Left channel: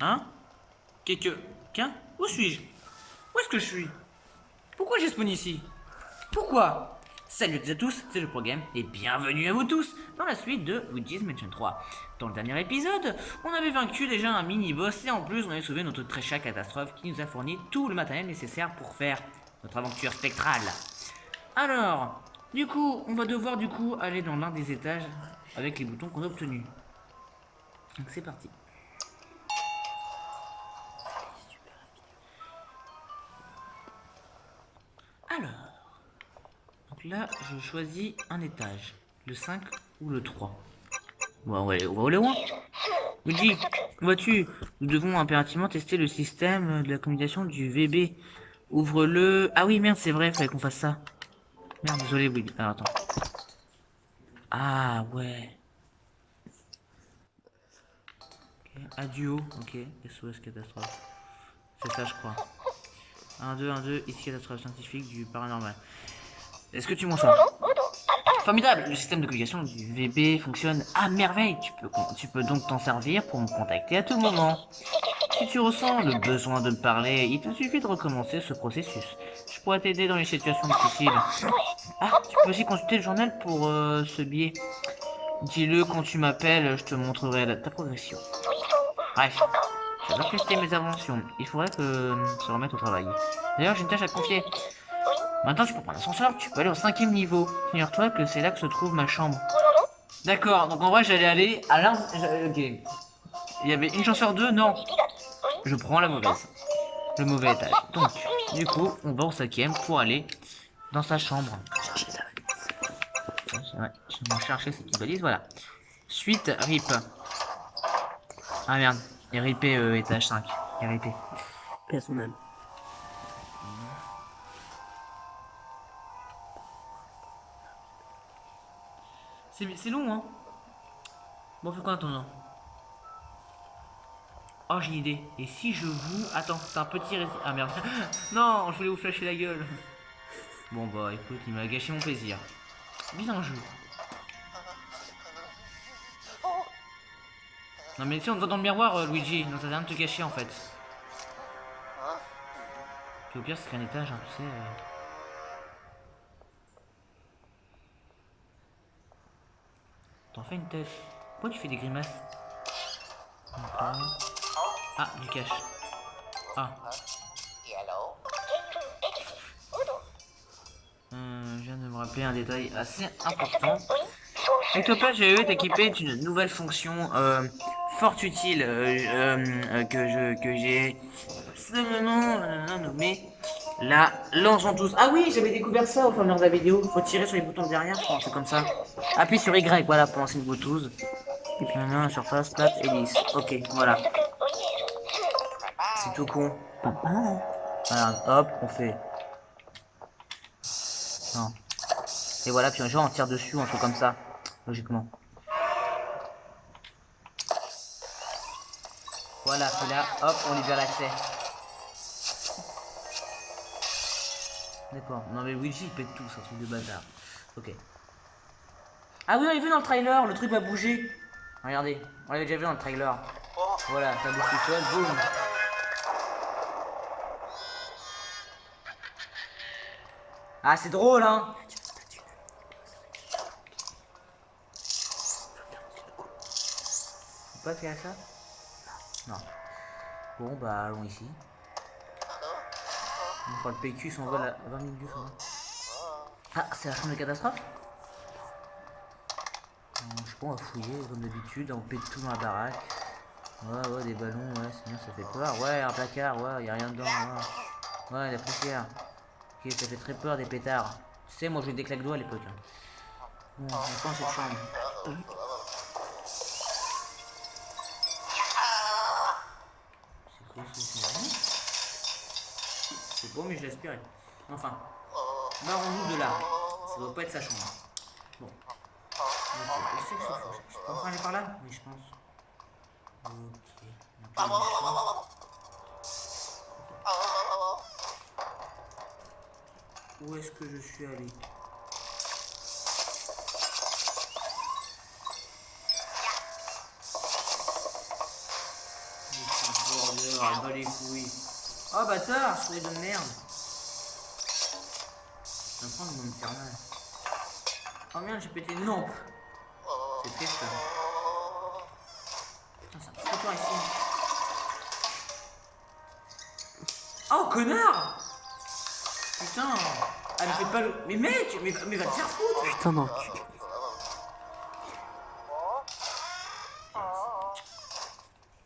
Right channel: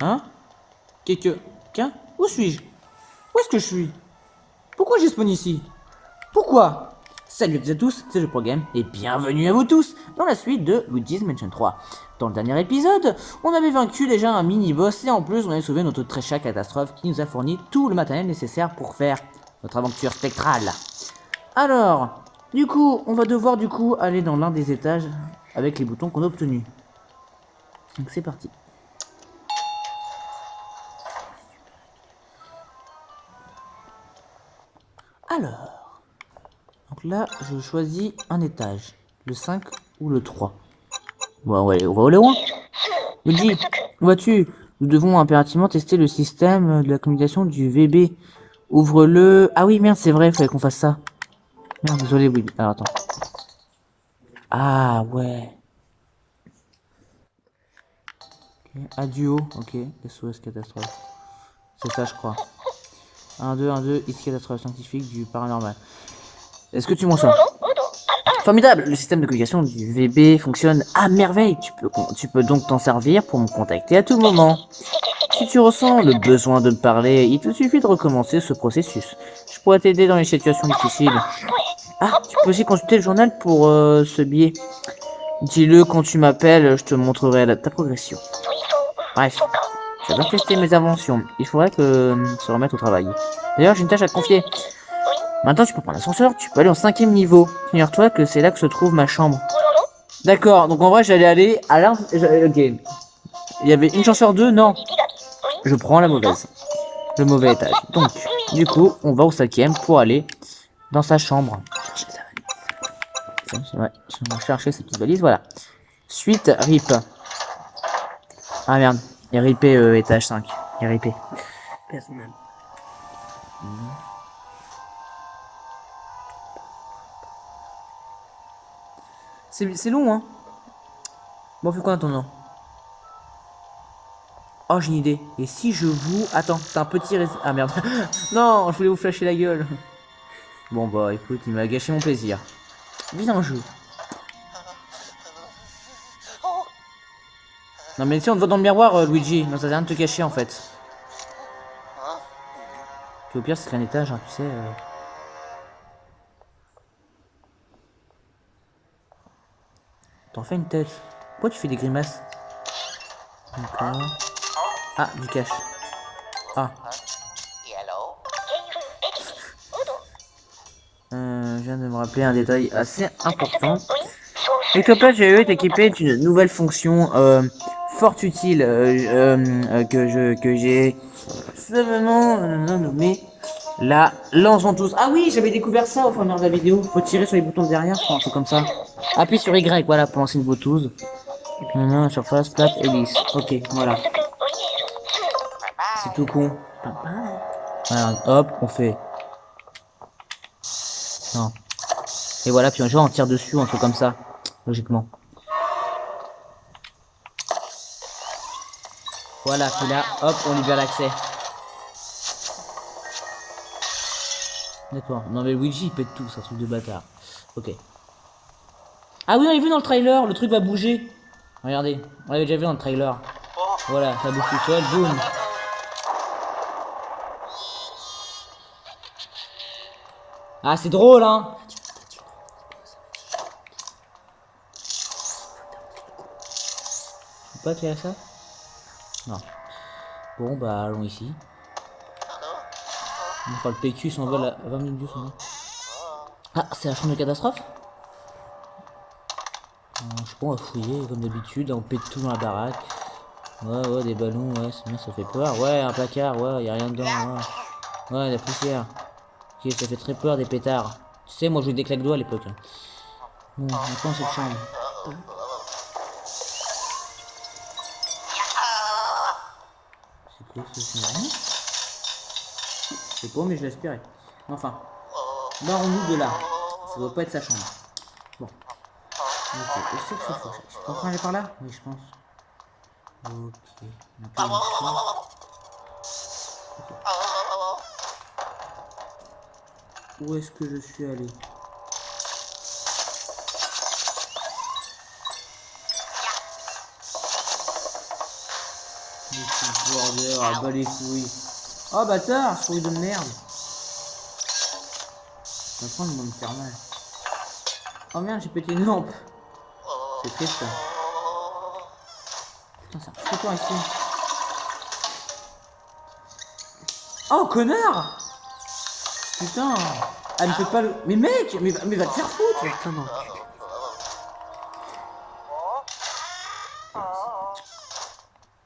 Hein? Qu'un? Où suis-je? Où est-ce que je suis? Pourquoi j'ai spawn ici? Pourquoi? Salut à toutes et à tous, c'est le Game et bienvenue à vous tous dans la suite de Luigi's Mansion 3. Dans le dernier épisode, on avait vaincu déjà un mini-boss et en plus on avait sauvé notre très chère catastrophe qui nous a fourni tout le matériel nécessaire pour faire notre aventure spectrale. Alors, du coup, on va devoir aller dans l'un des étages avec les boutons qu'on a obtenus. Donc c'est parti. Alors, donc là, je choisis un étage, le 5 ou le 3. Bon, ouais, on va aller loin. Luigi, où vas-tu? Nous devons impérativement tester le système de la communication du VB. Ouvre-le. Ah oui, merde, c'est vrai, il fallait qu'on fasse ça. Merde, désolé, oui. Alors, attends. Ah, ouais. Okay. Aduo, ok. SOS catastrophe. C'est ça, je crois. 1, 2, ici catastrophe scientifique du paranormal. Est-ce que tu m'en sors? Formidable, le système de communication du VB fonctionne à merveille. Tu peux donc t'en servir pour me contacter à tout moment. Si tu ressens le besoin de me parler, il te suffit de recommencer ce processus. Je pourrais t'aider dans les situations difficiles. Ah, tu peux aussi consulter le journal pour ce billet. Dis-le quand tu m'appelles, je te montrerai ta progression. Bref, j'adore tester mes inventions. Il faudrait que se remettre au travail. D'ailleurs, j'ai une tâche à te confier. Maintenant, tu peux prendre l'ascenseur, tu peux aller au 5e niveau. Figure-toi que c'est là que se trouve ma chambre. D'accord, donc en vrai, j'allais aller à l'un... Ok. Il y avait une chance sur deux, non. Je prends la mauvaise. Le mauvais étage. Donc, du coup, on va au 5e pour aller dans sa chambre. Chercher sa valise. Ouais, je vais chercher sa petite valise, voilà. Suite, RIP. Ah merde, il y a RIP étage 5. Il y a RIP. Personnel. C'est long, hein. Bon, fait quoi en attendant? Oh, j'ai une idée. Et si je vous... Attends, t'as un petit... Ah merde. Non, je voulais vous flasher la gueule. Bon, bah écoute, il m'a gâché mon plaisir. Viens, jeu. Non, mais si on te voit dans le miroir, Luigi, non, ça sert à rien de te cacher en fait. Puis au pire, c'est qu'un étage, hein, tu sais. T'en fais une tête. Pourquoi tu fais des grimaces? D'accord. Ah, du cash. Ah. Je viens de me rappeler un détail assez important. Ectopad GE est équipé d'une nouvelle fonction fort utile que j'ai simplement nommée la lance ventouse. Ah oui, j'avais découvert ça au fur et à mesure de la vidéo. Faut tirer sur les boutons de derrière, je crois, comme ça. Appuie sur Y, voilà, pour lancer une ventouse. Et puis maintenant, surface, plate et lisse. Ok, voilà. C'est tout con. Voilà, hop, on fait. Non. Et voilà, puis un jour on tire dessus, un truc comme ça. Logiquement. Voilà, puis là, hop, on libère l'accès. D'accord. Non mais Luigi il pète tout, c'est un truc de bâtard. Ok. Ah oui, on l'a vu dans le trailer, le truc va bouger. Regardez, on l'avait déjà vu dans le trailer. Voilà, ça bouge tout seul, boum. Ah, c'est drôle, hein. Pas qu'il y a ça? Non. Bon, bah, allons ici. On fera le PQ s'envole à 20 minutes du son. Ah, c'est la chambre de catastrophe? Je sais pas, on va fouiller comme d'habitude, on pète tout dans la baraque. Ouais, des ballons, ouais, c'est bien, ça fait peur. Ouais, un placard, ouais, y a rien dedans. Ouais, la poussière. Ok, ça fait très peur des pétards. Tu sais, moi je jouais des claques doigts à l'époque. Hein. Bon, on prend cette chambre. C'est quoi ce Je sais pas, mais je l'espérais. Enfin, barrons-nous de là. Ça doit pas être sa chambre. Bon. Ok, est-ce que c'est ça? Je peux aller par là? Oui, je pense. Ok. Où est-ce que je suis allé? Bordel, ah, bas les couilles. Oh bâtard, souris de merde. Je vais prendre mon me faire mal. Oh merde, j'ai pété une lampe. C'est triste. Putain, ça fout toi ici. Oh connard. Putain. Elle me fait pas le... Mais mec, mais va te faire foutre. Putain, non.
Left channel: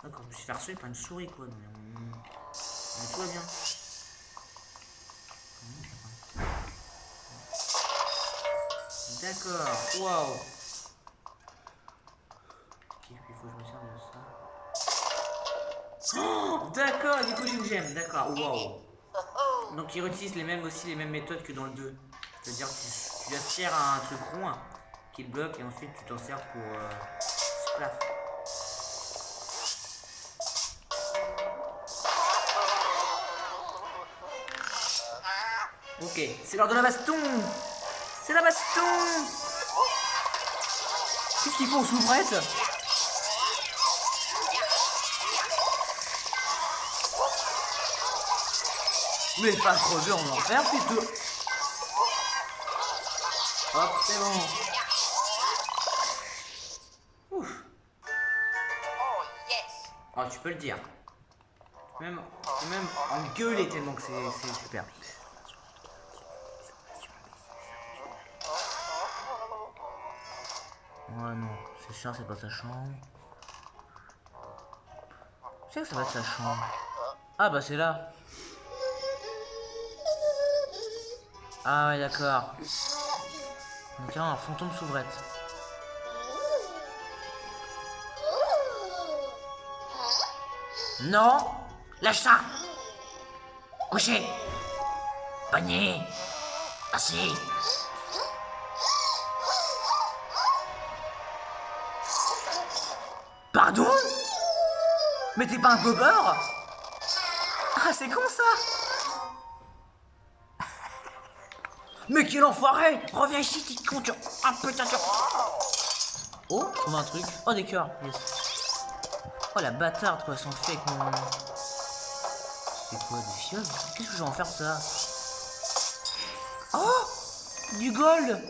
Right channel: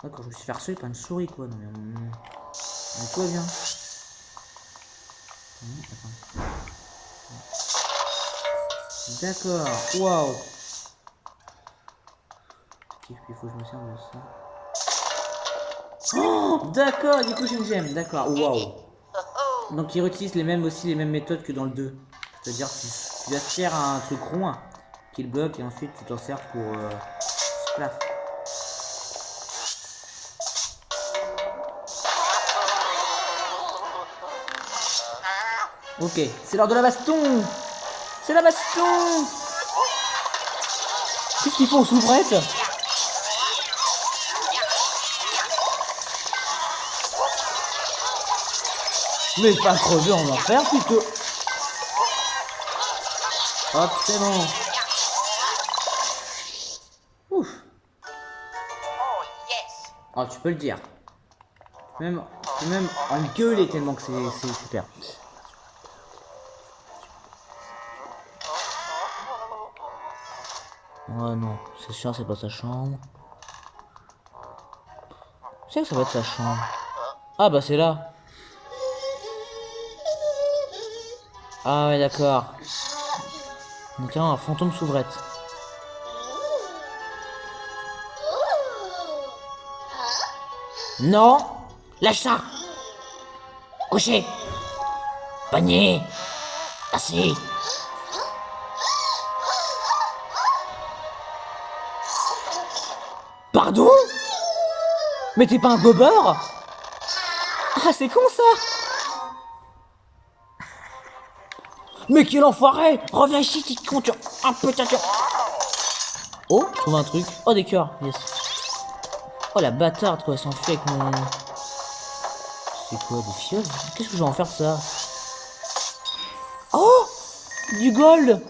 D'accord, je me suis fait harceler par une souris quoi. Non mais tout va bien. D'accord, waouh. Il faut que je me serve de ça. Oh, d'accord, du coup j'ai une gemme, d'accord, waouh. Donc ils réutilisent aussi les mêmes méthodes que dans le 2. C'est-à-dire que tu aspires à un truc rond qui le bloque et ensuite tu t'en sers pour splaf. Ok, c'est l'heure de la baston. C'est la baston. Qu'est-ce qu'ils font aux souvrettes? Mais pas crever en enfer plutôt. Hop, c'est bon. Ouf. Oh, tu peux le dire. Tu peux même engueuler tellement que c'est super. Ouais, non, c'est sûr, c'est pas sa chambre. Je sais que ça va être sa chambre. Ah, bah c'est là. Ah, ouais, d'accord. Donc, un fantôme s'ouvrette. Non! Lâche ça! Couché! Panier! Assis! Pardon? Mais t'es pas un gobeur? Ah, c'est con ça! Mais quel enfoiré! Reviens ici, tu con, tu... Ah putain, tu... Oh, je trouve un truc. Oh, des cœurs, yes. Oh, la bâtarde, quoi, elle s'enfuit avec mon... C'est quoi, des fioles? Qu'est-ce que je vais en faire de ça? Oh! Du gold!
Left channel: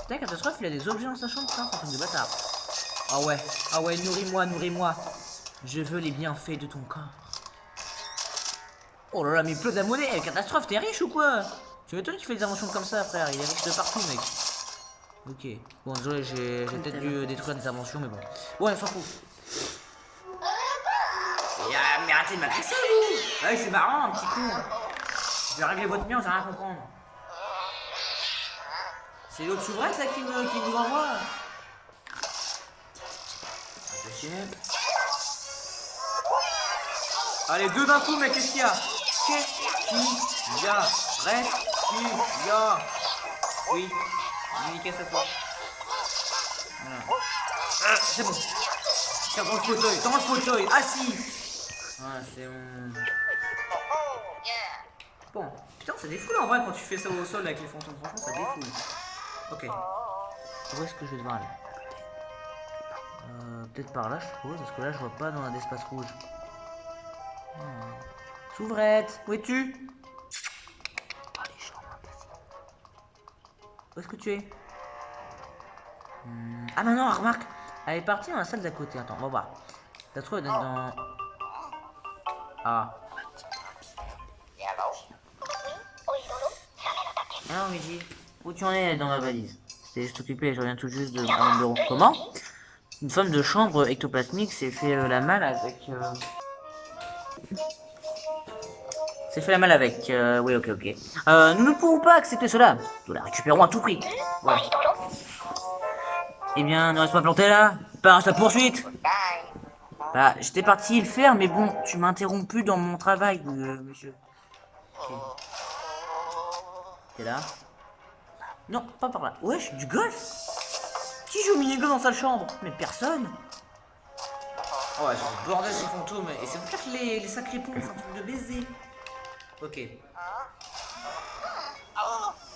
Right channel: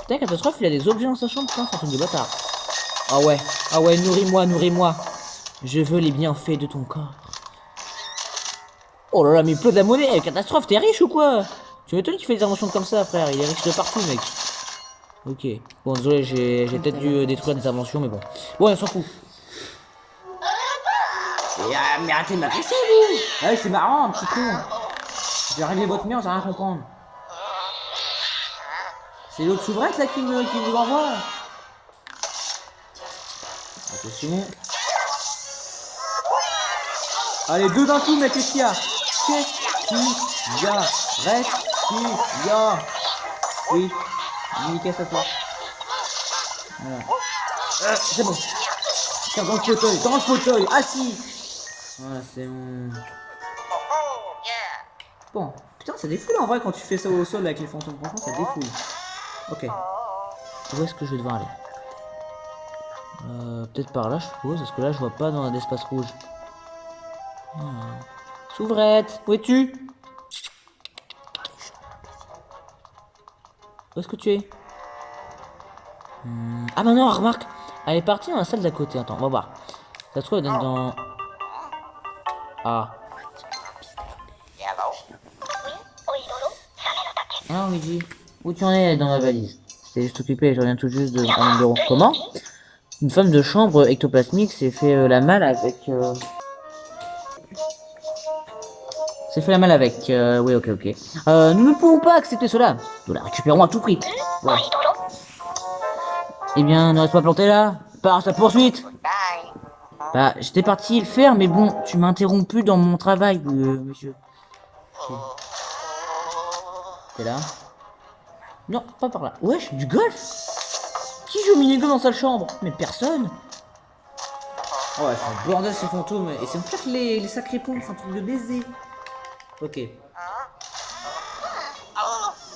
Putain, catastrophe, il a des objets dans sa chambre, putain, c'est un truc de bâtard. Ah ouais, nourris-moi, nourris-moi. Je veux les bienfaits de ton corps. Oh là là, mais il pleut de la monnaie, catastrophe, t'es riche ou quoi? Tu m'étonnes qu'il fait des inventions comme ça, frère, il est riche de partout, mec. Ok, bon, désolé, j'ai peut-être dû détruire des inventions, mais bon. Ouais, on s'en fout. Mais arrêtez de m'agresser, vous! Ouais, c'est marrant, un petit con. Je vais régler votre mien, vous allez rien comprendre. C'est l'autre souvrette là qui vous envoie. Attention. Allez, deux d'un coup, mec, qu'est-ce qu'il y a? Qu'est-ce qu'il y a? Reste qu'il y a. Oui, nickel ça toi. Voilà. C'est bon. Tiens, dans le fauteuil, assis. Voilà, c'est bon. Bon, putain, ça défoule en vrai quand tu fais ça au sol avec les fantômes. Franchement, ça défoule. Ok. Où est-ce que je vais devoir aller? Peut-être par là, je suppose, parce que là, je vois pas dans l'espace rouge. Souvrette, où es-tu? Dans les chambres. Où est-ce que tu es? Ah, bah non, remarque. Elle est partie dans la salle d'à côté. Attends, on va voir. Ça se trouve, elle donne dans... Ah. Ah, Luigi. Où tu en es dans la valise? J'étais juste occupé, je reviens tout juste de mon bureau. Comment? Une femme de chambre ectoplasmique s'est fait la malle avec... C'est fait la malle avec... Oui, ok. Nous ne pouvons pas accepter cela. Nous la récupérons à tout prix. Ouais. Eh bien, ne reste pas planté là. Pars à sa poursuite. Bah, j'étais parti le faire, mais bon, tu m'as interrompu dans mon travail, monsieur. Okay. T'es là? Non, pas par là. Wesh, du golf? Qui joue au mini-golf dans sa chambre? Mais personne. Oh ouais, c'est un bordel ces fantômes. Et c'est peut-être les sacrés ponts, c'est un truc de baiser. Ok.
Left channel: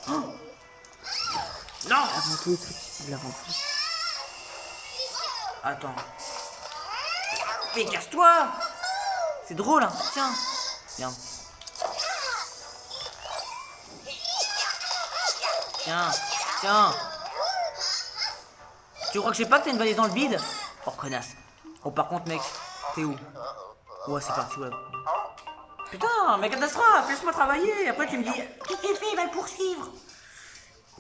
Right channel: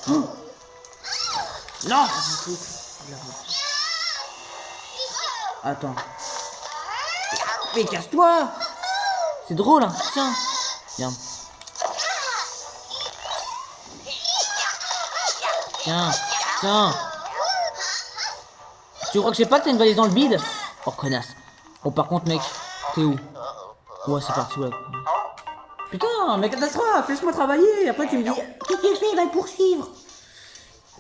Oh. Non. Attends. Mais casse-toi. C'est drôle, hein. Tiens. Viens. Tiens. Tiens. Tu crois que je sais pas que t'as une valise dans le bide? Oh, connasse. Oh, par contre, mec, t'es où? Ouais, c'est parti, ouais. Putain, mais catastrophe, laisse-moi travailler. Après, tu me dis, qu'est-ce que tu fais? Il va le poursuivre.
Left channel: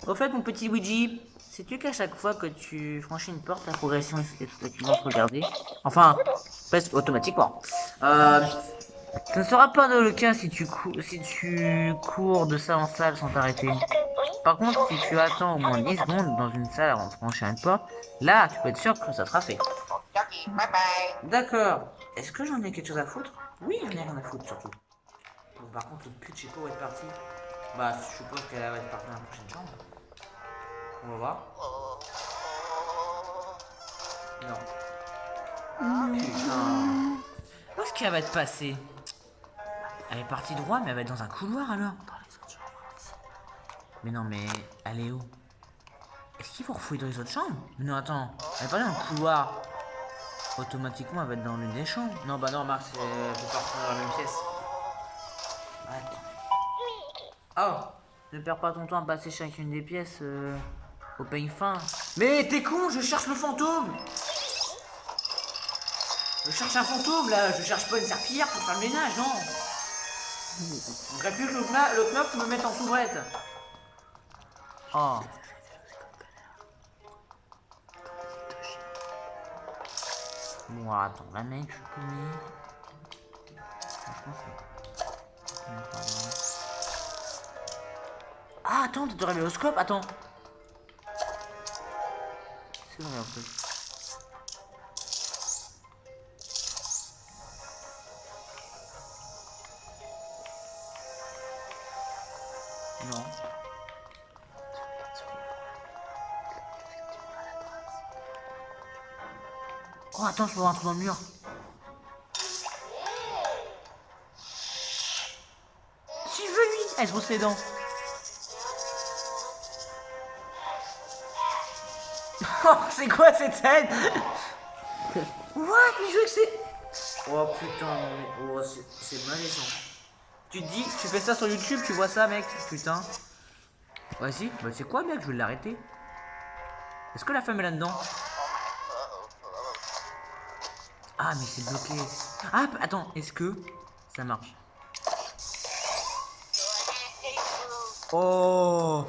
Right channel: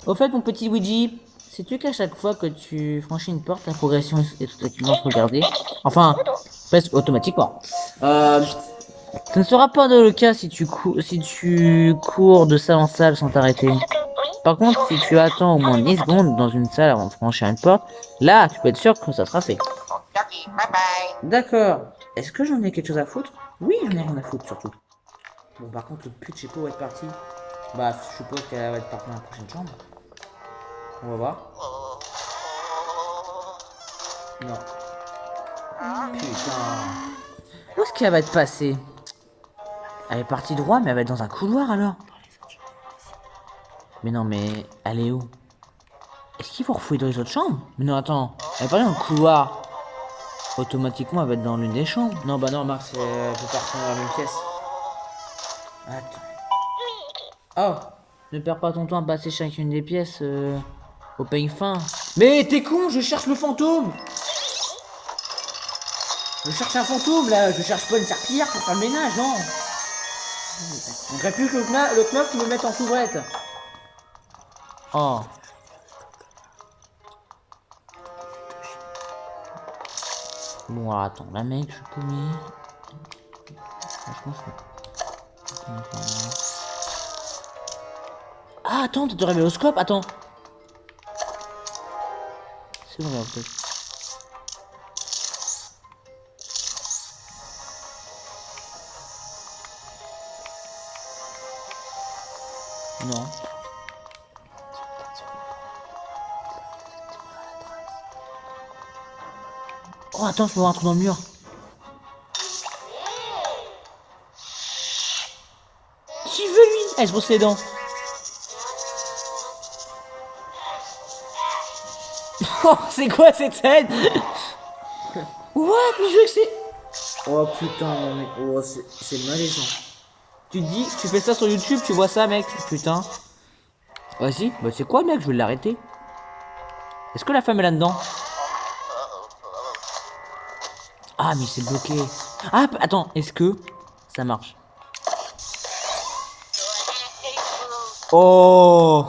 Au fait, mon petit Luigi, sais-tu qu'à chaque fois que tu franchis une porte, ta progression est tout activement regardée? Enfin, presque automatiquement. Ce ne sera pas le cas si tu cours de salle en salle sans t'arrêter. Par contre, si tu attends au moins 10 secondes dans une salle avant de franchir une porte, là, tu peux être sûr que ça sera fait. D'accord. Est-ce que j'en ai quelque chose à foutre? Oui, j'en ai rien à foutre, surtout. Bon, par contre, le pute de Chico va être parti. Bah, je suppose qu'elle va être partie dans la prochaine chambre. On va voir. Non. Putain. Où est-ce qu'elle va être passée? Elle est partie droit, mais elle va être dans un couloir alors. Mais non, mais elle est où? Est-ce qu'il faut refouiller dans les autres chambres? Mais non, attends. Elle est pas dans le couloir. Automatiquement, elle va être dans l'une des chambres. Non, bah non, Marc, elle peut partir dans la même pièce. Attends. Oh, ne perds pas ton temps à passer chacune des pièces au peigne fin. Mais t'es con, je cherche le fantôme. Je cherche un fantôme là, je cherche pas une serpillière pour faire le ménage, non. On dirait plus que le knof me mette en couvrette. Oh. Bon, alors, attends, là mec, je connais. Franchement, ah, attends, t'as réveillé au scope, attends. C'est vrai, en fait. Non. Oh, attends, je peux voir un trou dans le mur. Qui veut lui? Elle se brosse les dents. Oh, c'est quoi cette scène? What? Mais je veux que c'est... Oh putain, mais... Oh, c'est malaisant. Tu te dis, tu fais ça sur YouTube, tu vois ça, mec? Putain. Vas-y, bah c'est quoi, mec? Je vais l'arrêter. Est-ce que la femme est là-dedans? Ah, mais c'est bloqué. Ah, attends, est-ce que ça marche? Oh!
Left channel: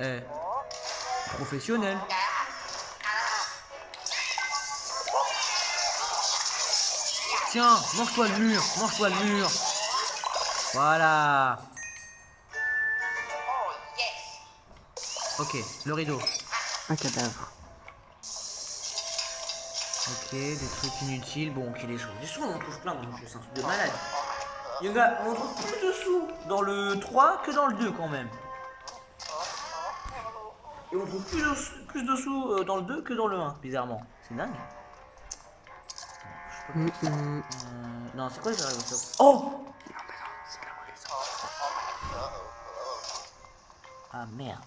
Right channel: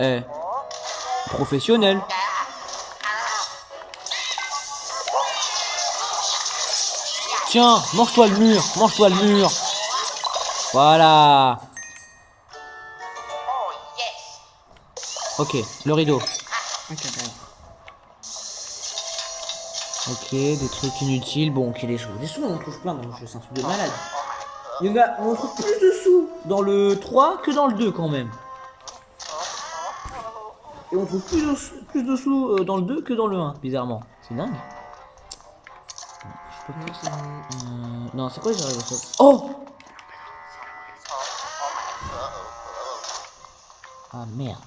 Eh. Professionnel. Tiens, mange-toi le mur, mange-toi le mur. Voilà. Ok, le rideau. Un cadavre. Ok, des trucs inutiles. Bon, ok, des sous. Des sous, on en trouve plein dans le jeu, c'est un truc de malade. Il y en a, on trouve plus de sous dans le 3 que dans le 2 quand même. Et on trouve plus de sous dans le 2 que dans le 1, bizarrement. C'est dingue. Je sais pas que c'est... Non, c'est quoi j'arrive à ça? Oh! Ah merde.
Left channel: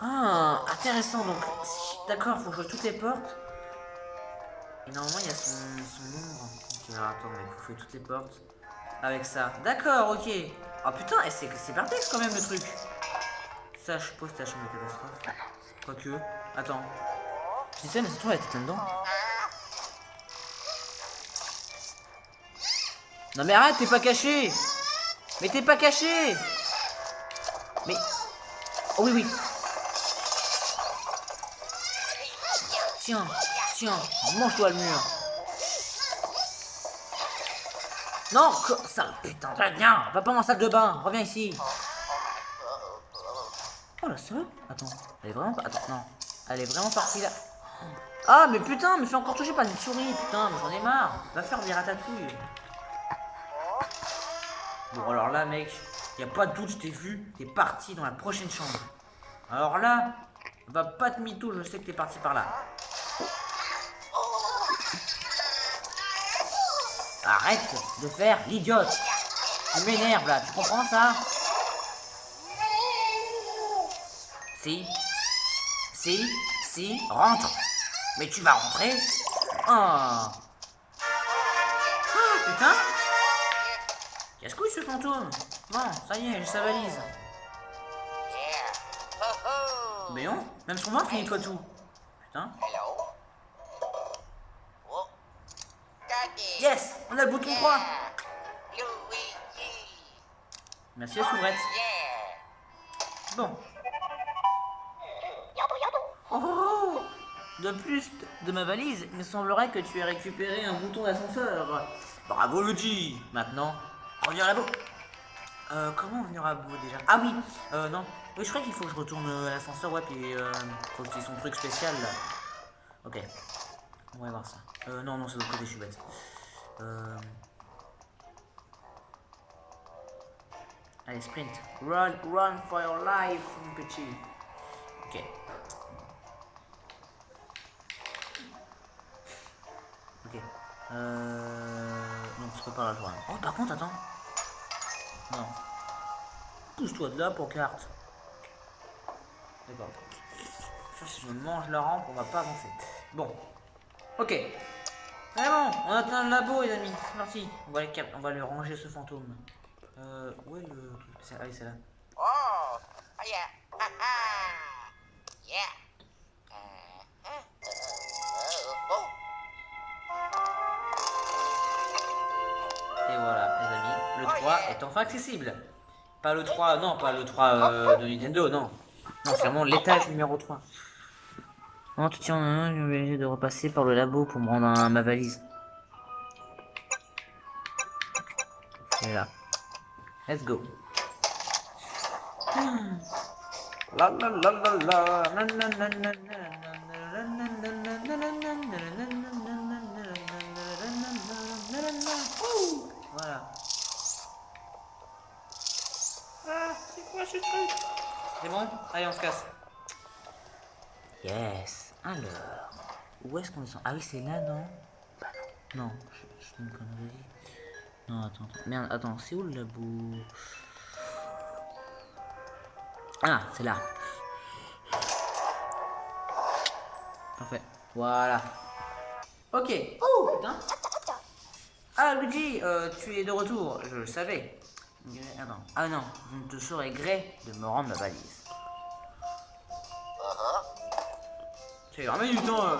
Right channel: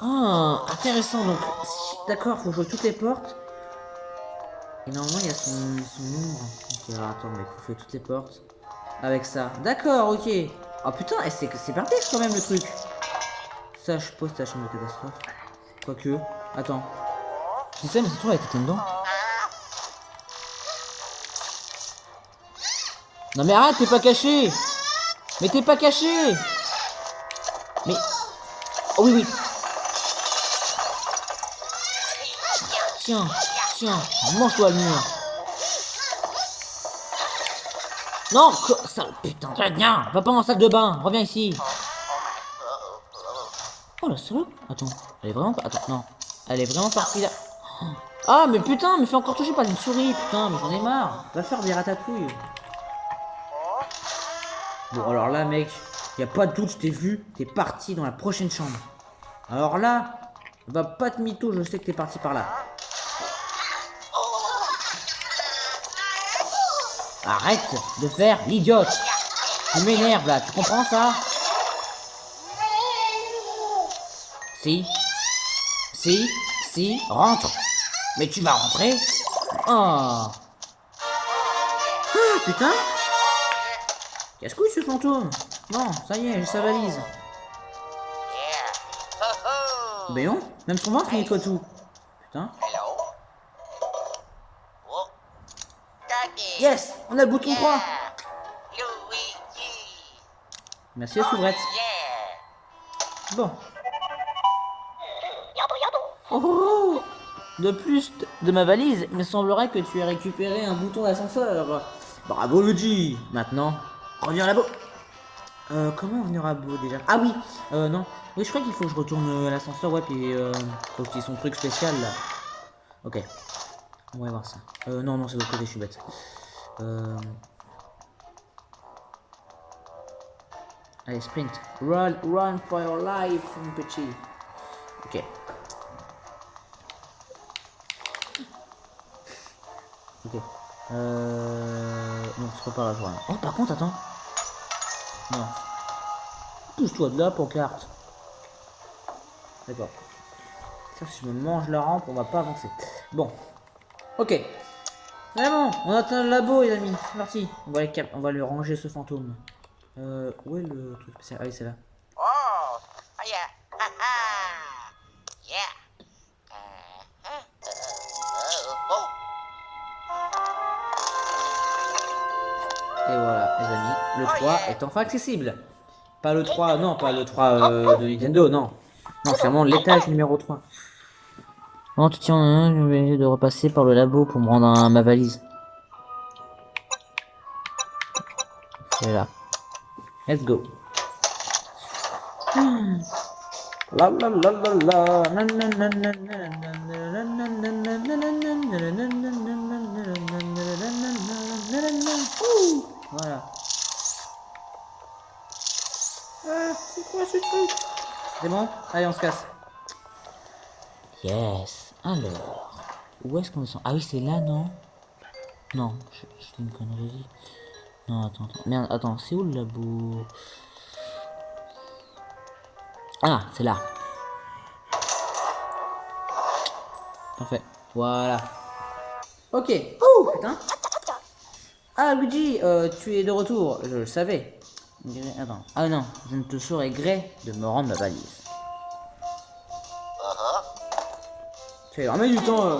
Ah, intéressant. Donc, d'accord, faut jouer toutes les portes. Et normalement, il y a son nombre. Ok, alors attends, mais faut jouer toutes les portes. Avec ça. D'accord, ok. Ah putain, c'est perplexe quand même le truc. Ça, je suppose, c'est la chambre de catastrophe. Quoique. Attends. Je sais, mais c'est toi, elle était dedans. Non mais arrête, t'es pas caché. Mais t'es pas caché. Mais... Oh oui, oui. Tiens, tiens, mange-toi le mur. Non, ça, putain, viens, va pas en salle de bain, reviens ici. Oh la salope. Attends, elle est vraiment pas... Attends, non. Elle est vraiment partie là. Ah mais putain, me fais encore toucher par une souris, putain, mais j'en ai marre. Va faire des ratatouilles. Bon alors là mec, y a pas de doute, je t'ai vu, t'es parti dans la prochaine chambre. Alors là, va pas te mytho, je sais que t'es parti par là. Arrête de faire l'idiote. Tu m'énerves là, tu comprends ça? Si, rentre. Mais tu vas rentrer? Oh. Putain! Casse-couille ce fantôme! Non, ça y est, j'ai sa valise. Mais non, même son ventre il nettoie tout. Putain. Yes! On a le bouton 3! Merci la soubrette. Bon. Oh! De plus de ma valise, il me semblerait que tu aies récupéré un bouton d'ascenseur. Bravo Luigi! Maintenant, reviens à la boue. Comment venir à bout déjà? Ah oui! Non. Oui, je crois qu'il faut que je retourne à l'ascenseur, ouais, puis faut qu'il y ait son truc spécial là. Ok. On va voir ça. Non, non, c'est de l'autre côté, je suis bête. Allez, sprint. Run for your life, mon petit. Ok. Ok. Non, c'est pas par là, je vois. Oh, par contre, attends. Non. Pousse-toi de là, pancarte. D'accord. Si je me mange la rampe, on va pas avancer. Bon. Ok. Vraiment, on atteint le labo, les amis. C'est parti. On va lui ranger ce fantôme. Où est le truc spécial? Ah oui, c'est là. Oh, yeah. Yeah. Et voilà, les amis. Le 3 est enfin accessible. Pas le 3, non, pas le 3 de Nintendo, non. Non, c'est vraiment l'étage numéro 3. Non, tu tiens, je vais essayer de repasser par le labo pour me rendre ma valise. Et là. Let's go. La la la la la. Voilà. C'est quoi ce truc? C'est bon? Allez, on se casse. Yes. Alors, où est-ce qu'on descend? Ah oui, c'est là, non? Non, je fais une connerie. Non, attends. Merde, attends, c'est où le labo? Ah, c'est là. Parfait. Voilà. Ok. Oh, putain. Ah, Luigi, tu es de retour. Je le savais. Attends. Ah non, je ne te saurais gré de me rendre ma valise. Ça ira du temps.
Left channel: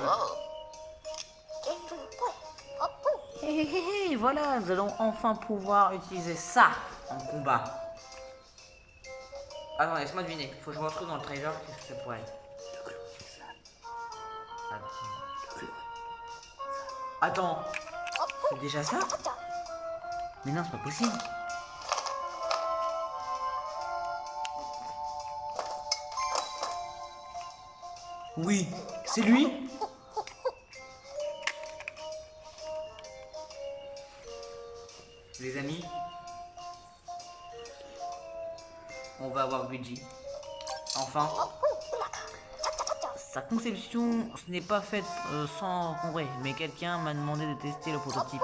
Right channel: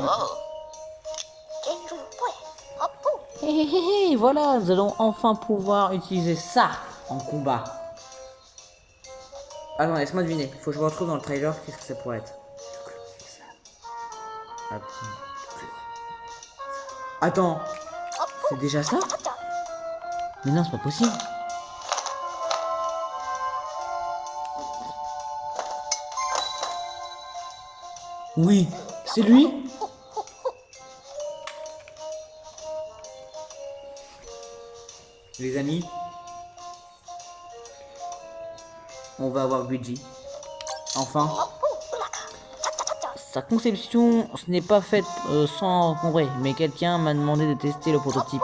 Hé hé hé hé, voilà, nous allons enfin pouvoir utiliser ça en combat. Attends, laisse-moi deviner. Faut que je me retrouve dans le trailer. Qu'est-ce que ça pourrait être? Attends. C'est déjà ça? Mais non, c'est pas possible. Oui, c'est lui. Les amis, on va avoir Luigi. Enfin. Sa conception, ce n'est pas faite sans encombrer, mais quelqu'un m'a demandé de tester le prototype.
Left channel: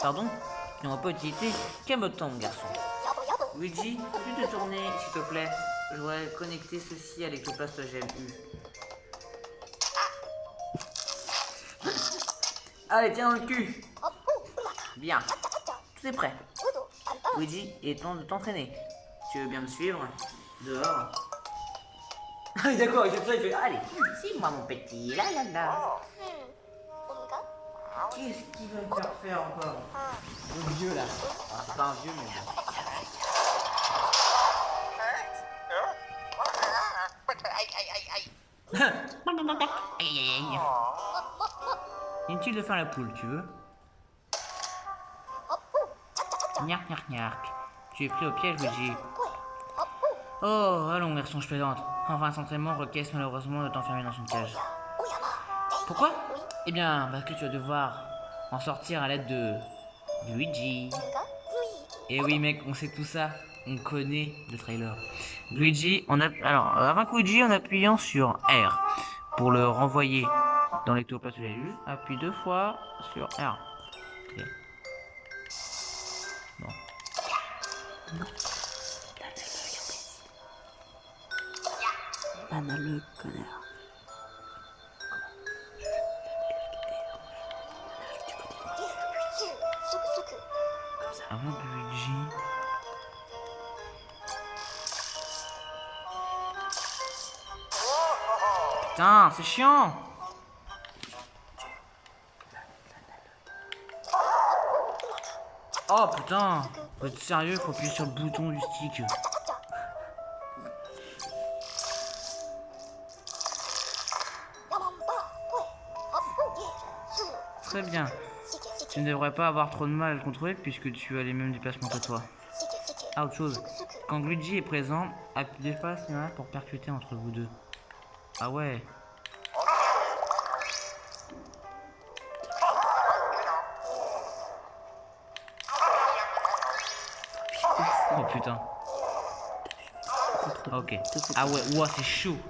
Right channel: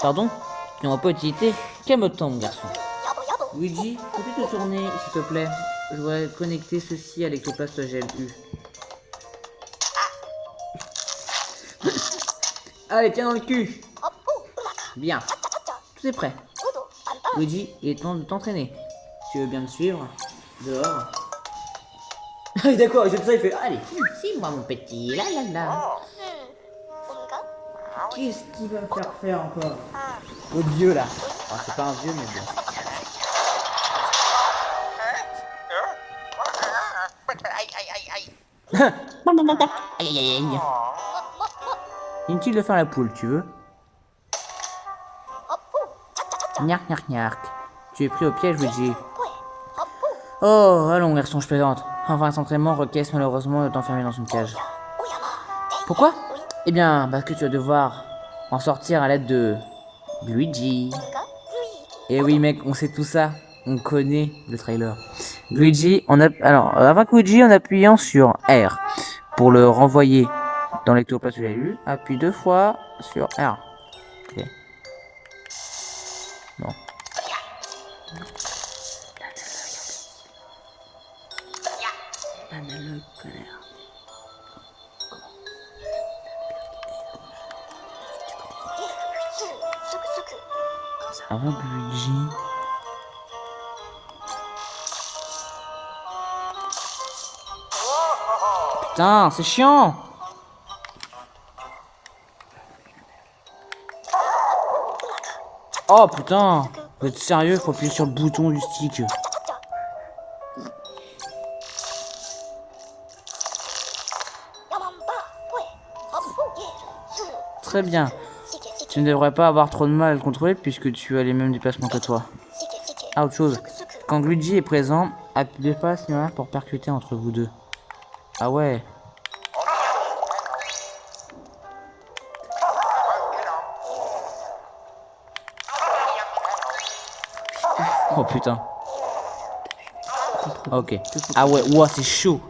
Pardon? Tu n'auras pas utilité? Calme-toi, mon garçon. Luigi, peux-tu te tourner, s'il te plaît? Je voudrais connecter ceci à l'ectoplast GLU. Allez, tiens dans le cul. Bien. Tout est prêt. Luigi, il est temps de t'entraîner. Tu veux bien me suivre? Dehors. Ah d'accord, et comme ça il fait allez, c'est moi mon petit, là là là. Qu'est-ce qu'il va me faire encore? Le vieux là. Oh, c'est pas un vieux mais bon. Aïe aïe aïe aïe. Inutile de faire la poule, tu veux? Gnark gnark gnark. Tu es pris au piège, Luigi. Oh, allons garçon, je plaisante. Enfin, cet entraînement requiert malheureusement de t'enfermer dans une cage. Pourquoi? Eh bien, parce que tu vas devoir en sortir à l'aide de Luigi. Et oui mec, on sait tout ça. On connaît le trailer. Luigi, alors, avec Luigi, en appuyant sur R pour le renvoyer dans l'ectoplast que j'ai lu, appuie 2 fois sur R. Ok. Bon. Banale, connard. Avec Luigi. Putain, c'est chiant. Oh putain, vous êtes sérieux, faut appuyer sur le bouton du stick. Très bien. Tu ne devrais pas avoir trop de mal à le contrôler puisque tu as les mêmes déplacements que toi. Ah, autre chose. Quand Luigi est présent, acte deux pas similaires pour percuter entre vous deux. Ah ouais. Oh putain. Ok. Ah ouais, ouah, c'est chaud.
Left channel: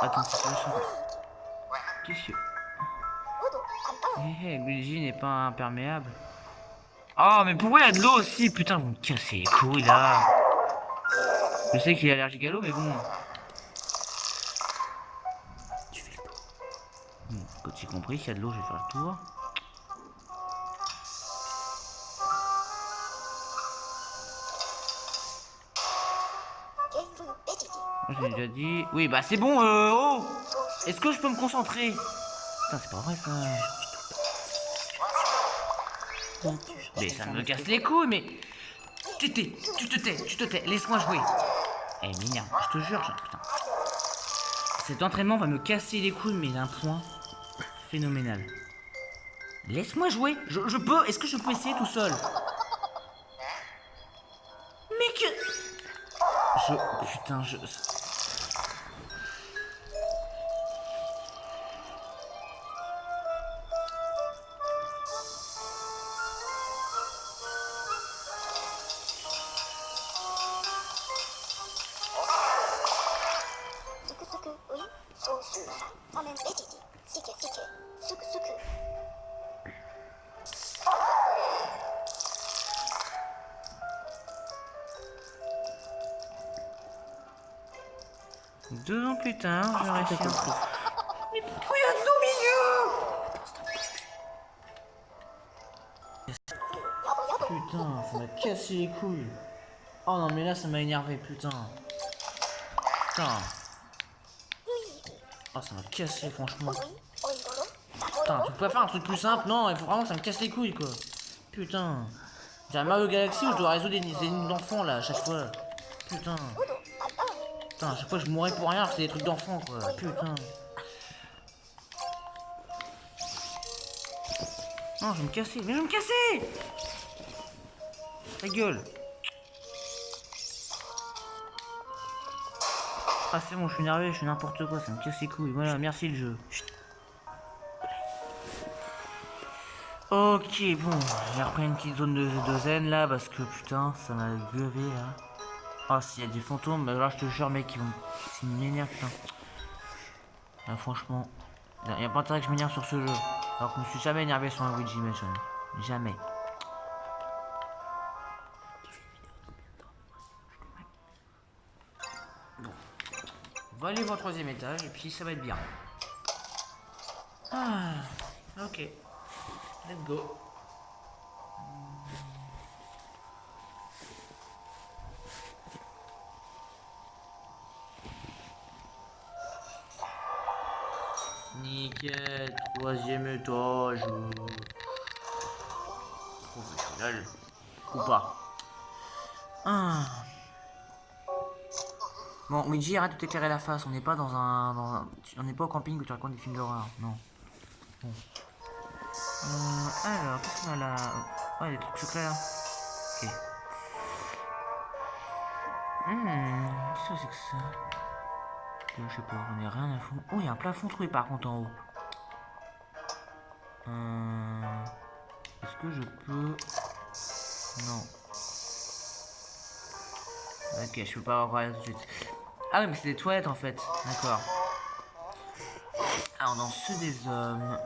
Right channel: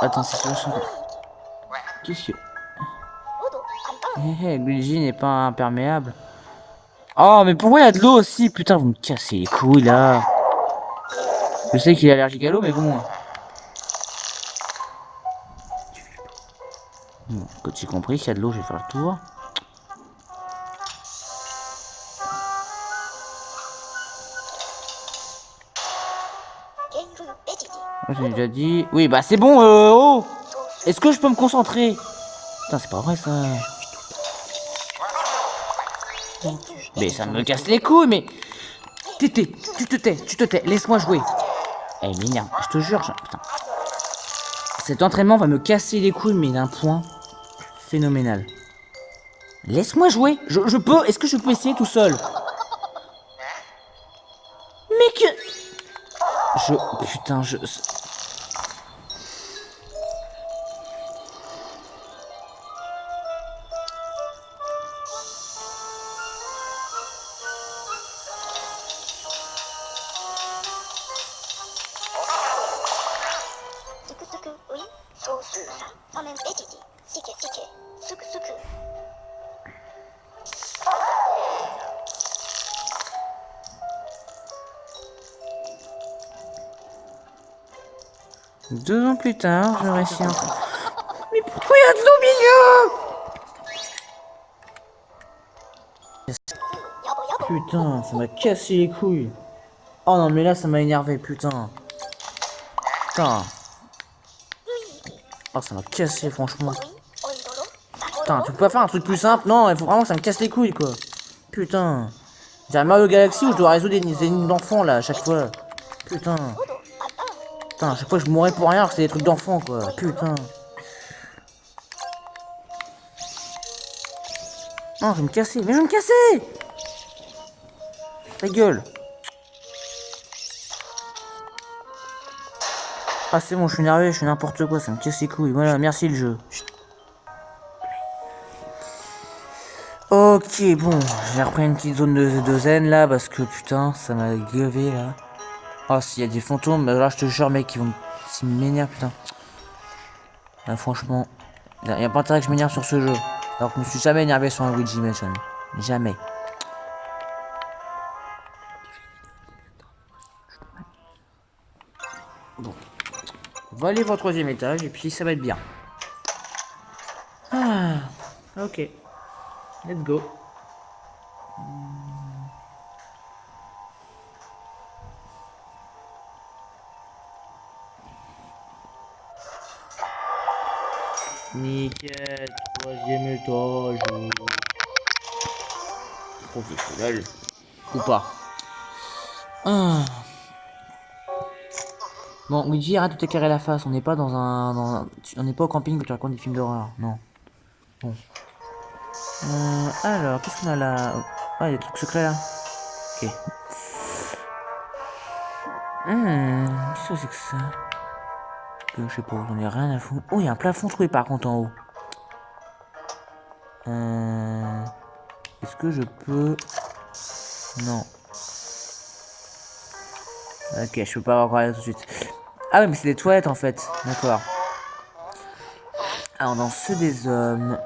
Attends, c'est pas chaud. Qu'est-ce que... Hé hé, Luigi n'est pas imperméable. Oh, mais pourquoi il y a de l'eau aussi? Putain, vous me cassez les couilles là. Je sais qu'il est allergique à l'eau, mais bon. Bon, quand j'ai compris, s'il y a de l'eau, je vais faire le tour. J'ai déjà dit. Oui, bah c'est bon, oh! Est-ce que je peux me concentrer? Putain, c'est pas vrai ça. Mais ça me casse les couilles, mais. Tu te tais, laisse-moi jouer. Eh, m'énerve, je te jure, putain. Cet entraînement va me casser les couilles, mais d'un point phénoménal. Laisse-moi jouer, je peux, est-ce que je peux essayer tout seul? Mais que... Putain, Deux ans plus tard, je réussis un peu. Mais pourquoi il y a de l'eau au milieu? Putain, ça m'a cassé les couilles. Oh non, mais là, ça m'a énervé, putain. Putain. Oh, ça m'a cassé, franchement. Putain, tu peux pas faire un truc plus simple? Non, il faut vraiment que ça me casse les couilles, quoi. Putain. J'ai un Mario Galaxy où je dois résoudre des énigmes d'enfants, là, à chaque fois. Putain. Putain, à chaque fois, je mourrais pour rien, alors que c'est des trucs d'enfants, quoi. Putain. Non, je vais me casser. Mais je vais me casser! Ta gueule. Ah, c'est bon, je suis énervé, je fais n'importe quoi, ça me casse les couilles. Voilà, merci le jeu. Ok, bon, j'ai repris une petite zone de zen là parce que putain, ça m'a gavé là. Oh, s'il y a des fantômes, bah, là je te jure, mec, s'ils m'énervent, putain. Là, franchement, y a pas intérêt que je m'énerve sur ce jeu. Alors que je me suis jamais énervé sur un Luigi Mansion. Jamais. Bon. On va aller au troisième étage et puis ça va être bien. Ah, ok. Let's go. Nickel, troisième étage. Professionnel. Ou pas. Ah. Bon, Luigi, arrête de t'éclairer la face. On n'est pas on n'est pas au camping où tu racontes des films d'horreur. Non. Bon. Alors, qu'est-ce qu'on a là? Ah, il y a des trucs secrets là. Ok. Qu'est-ce que c'est que ça? Je sais pas, j'en ai rien à foutre. Oh, il y a un plafond trouvé par contre en haut. Est-ce que je peux... Non. Ok, je peux pas avoir parlé tout de suite. Ah oui, mais c'est des toilettes en fait. D'accord. Alors, dans ceux des hommes...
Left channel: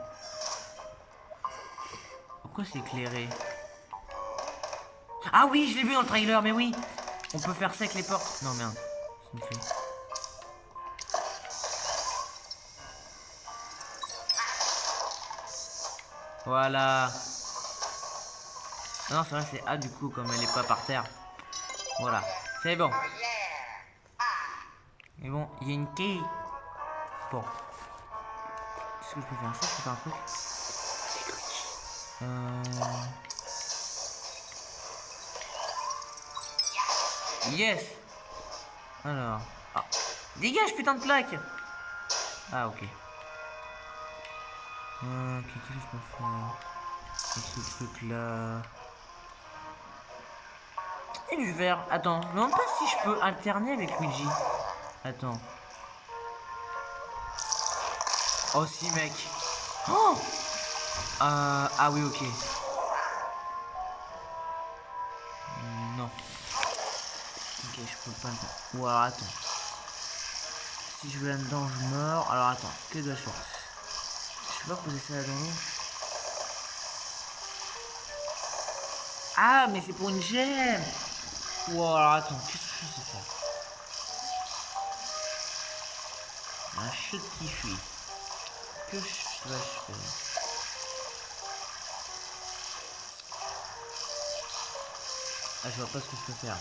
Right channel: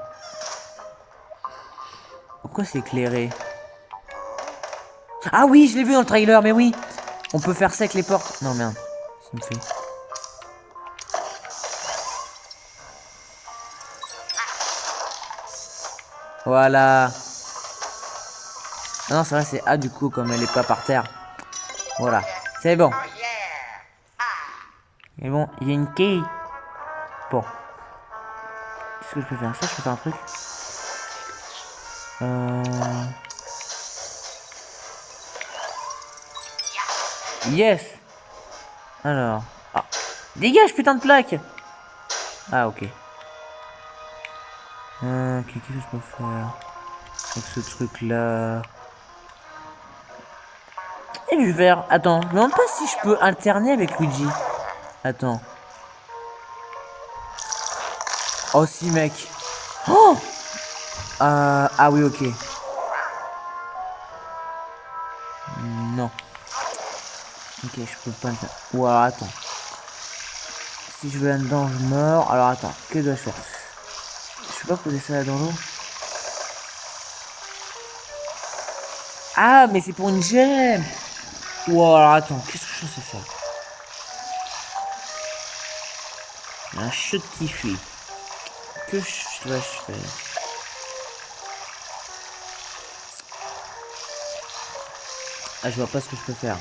Pourquoi c'est éclairé? Ah oui, je l'ai vu dans le trailer, mais oui. On peut faire ça avec les portes. Non, merde. Ça me fait... Voilà. Ah non, c'est vrai, c'est A du coup, comme elle est pas par terre. Voilà, c'est bon. Oh yeah. Ah. Et bon, il y a une quille. Bon. Qu'est-ce que je peux faire? Ça, je peux faire un truc. Yes. Alors. Ah. Dégage, putain de plaque. Ah, ok. Qu'est-ce que je peux faire avec ce truc-là? Et du verre. Attends, je me demande pas si je peux alterner avec Luigi. Attends. Oh, si, mec. Oh. Ah oui, ok. Non. Ok, je peux pas le faire. Ou alors, attends. Si je vais là-dedans, je meurs. Alors, attends. Que dois-je faire? Je peux pas poser ça là dans l'eau. Ah, mais c'est pour une gemme. Ou alors, attends. Qu'est-ce que je sais faire? Un chute qui fuit. Que dois-je faire? Ah, je vois pas ce que je peux faire.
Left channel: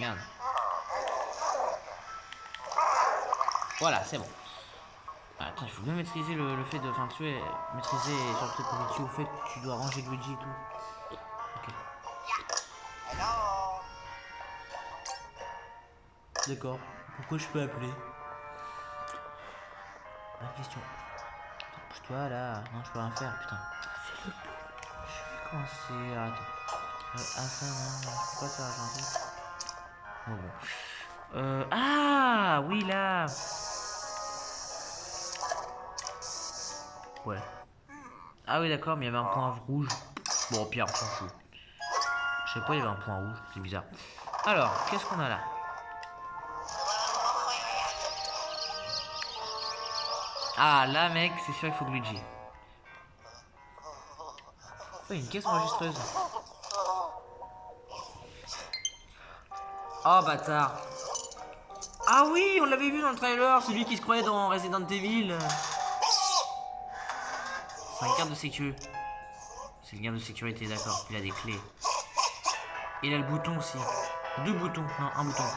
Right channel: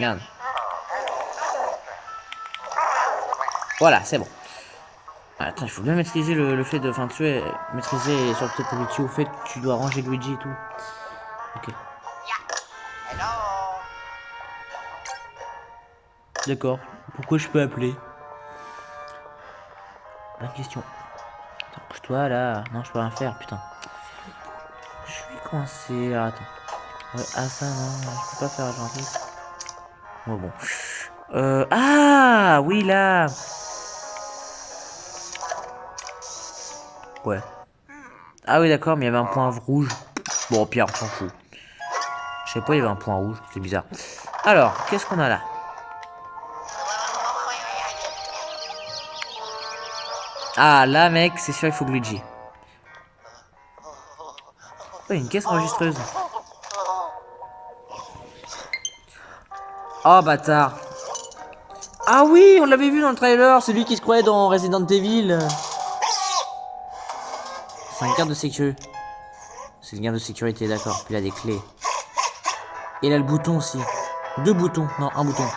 Merde. Voilà, c'est bon. Ah, attends, il faut bien maîtriser le fait de... Enfin, tu sais, maîtriser sur peut-être avec au fait que tu dois ranger Luigi et tout. Ok. Hello. D'accord. Pourquoi je peux appeler? Bonne question. Attends, bouge-toi là. Non, je peux rien faire, putain. Je suis coincé. Ah, attends. Ah, ça, non, je peux pas faire gentil. Oh, bon. Ah, oui, là. Ouais. Ah oui, d'accord, mais il y avait un point rouge. Bon, au pire, on s'en fout. Je sais pas, il y avait un point rouge, c'est bizarre. Alors, qu'est-ce qu'on a là? Ah, là, mec, c'est sûr, il faut Luigi. Oh, il y a une caisse enregistreuse. Oh, bâtard. Ah oui, on l'avait vu dans le trailer, c'est lui qui se croyait dans Resident Evil. C'est un garde de sécurité. C'est le garde de sécurité, d'accord. Puis il a des clés. Et il a le bouton aussi. Deux boutons, non, un bouton.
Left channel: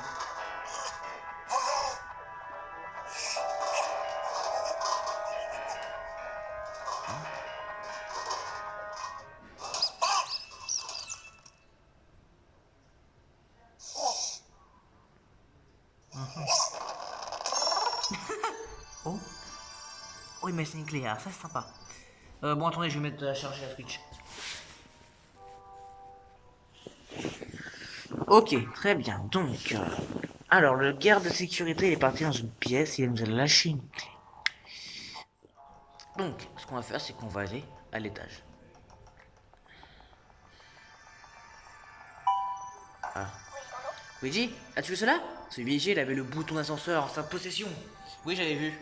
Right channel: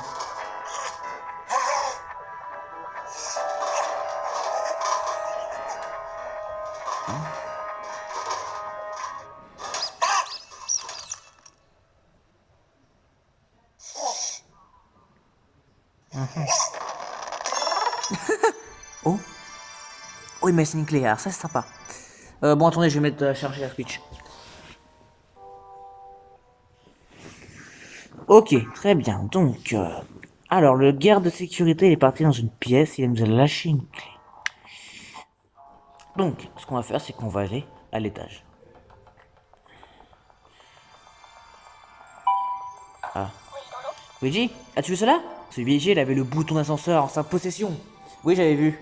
Oh. Oh, il m'a laissé une clé, alors ça c'est sympa. Bon, attendez, je vais mettre à charger la Switch. Ok, très bien. Donc, alors le garde de sécurité il est parti dans une pièce, il nous a lâché une clé. Donc, ce qu'on va faire, c'est qu'on va aller à l'étage. Ah. Luigi, as-tu vu cela? Ce vieiller, il avait le bouton d'ascenseur en sa possession. Oui, j'avais vu.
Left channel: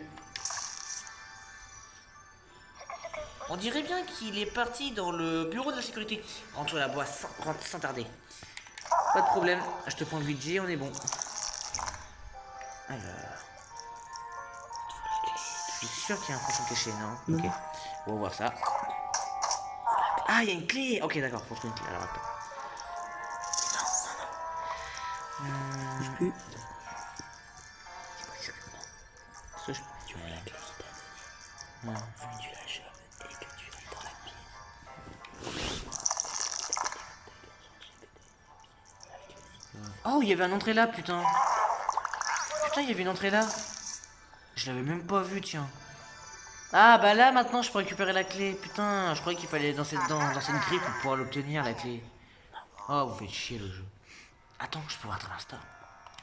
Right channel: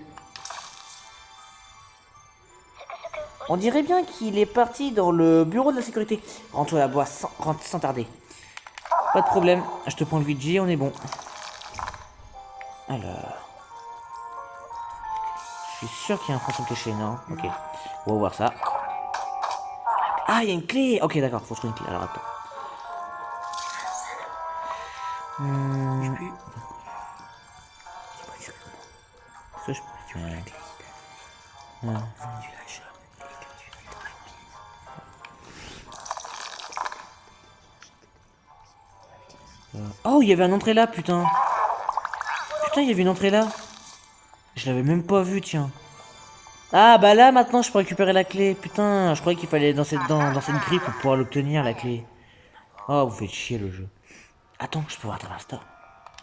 On dirait bien qu'il est parti dans le bureau de la sécurité. Rentre la boîte sans tarder. Pas de problème, je te prends Luigi, on est bon. Alors... Je suis sûr qu'il y a un fantôme caché, non? Ok. On va voir ça. Ah, il y a une clé. Ok, d'accord, faut trouver une clé. Alors, attends. Je peux... Ça, je peux... Ouais. Oh, il y avait un entrée là, putain. Putain, il y avait une entrée là. Je l'avais même pas vu, tiens. Ah, bah là, maintenant, je peux récupérer la clé. Putain, je croyais qu'il fallait dans cette grille pour pouvoir l'obtenir, la clé. Oh, vous faites chier, le jeu. Attends, je peux voir dans l'instant.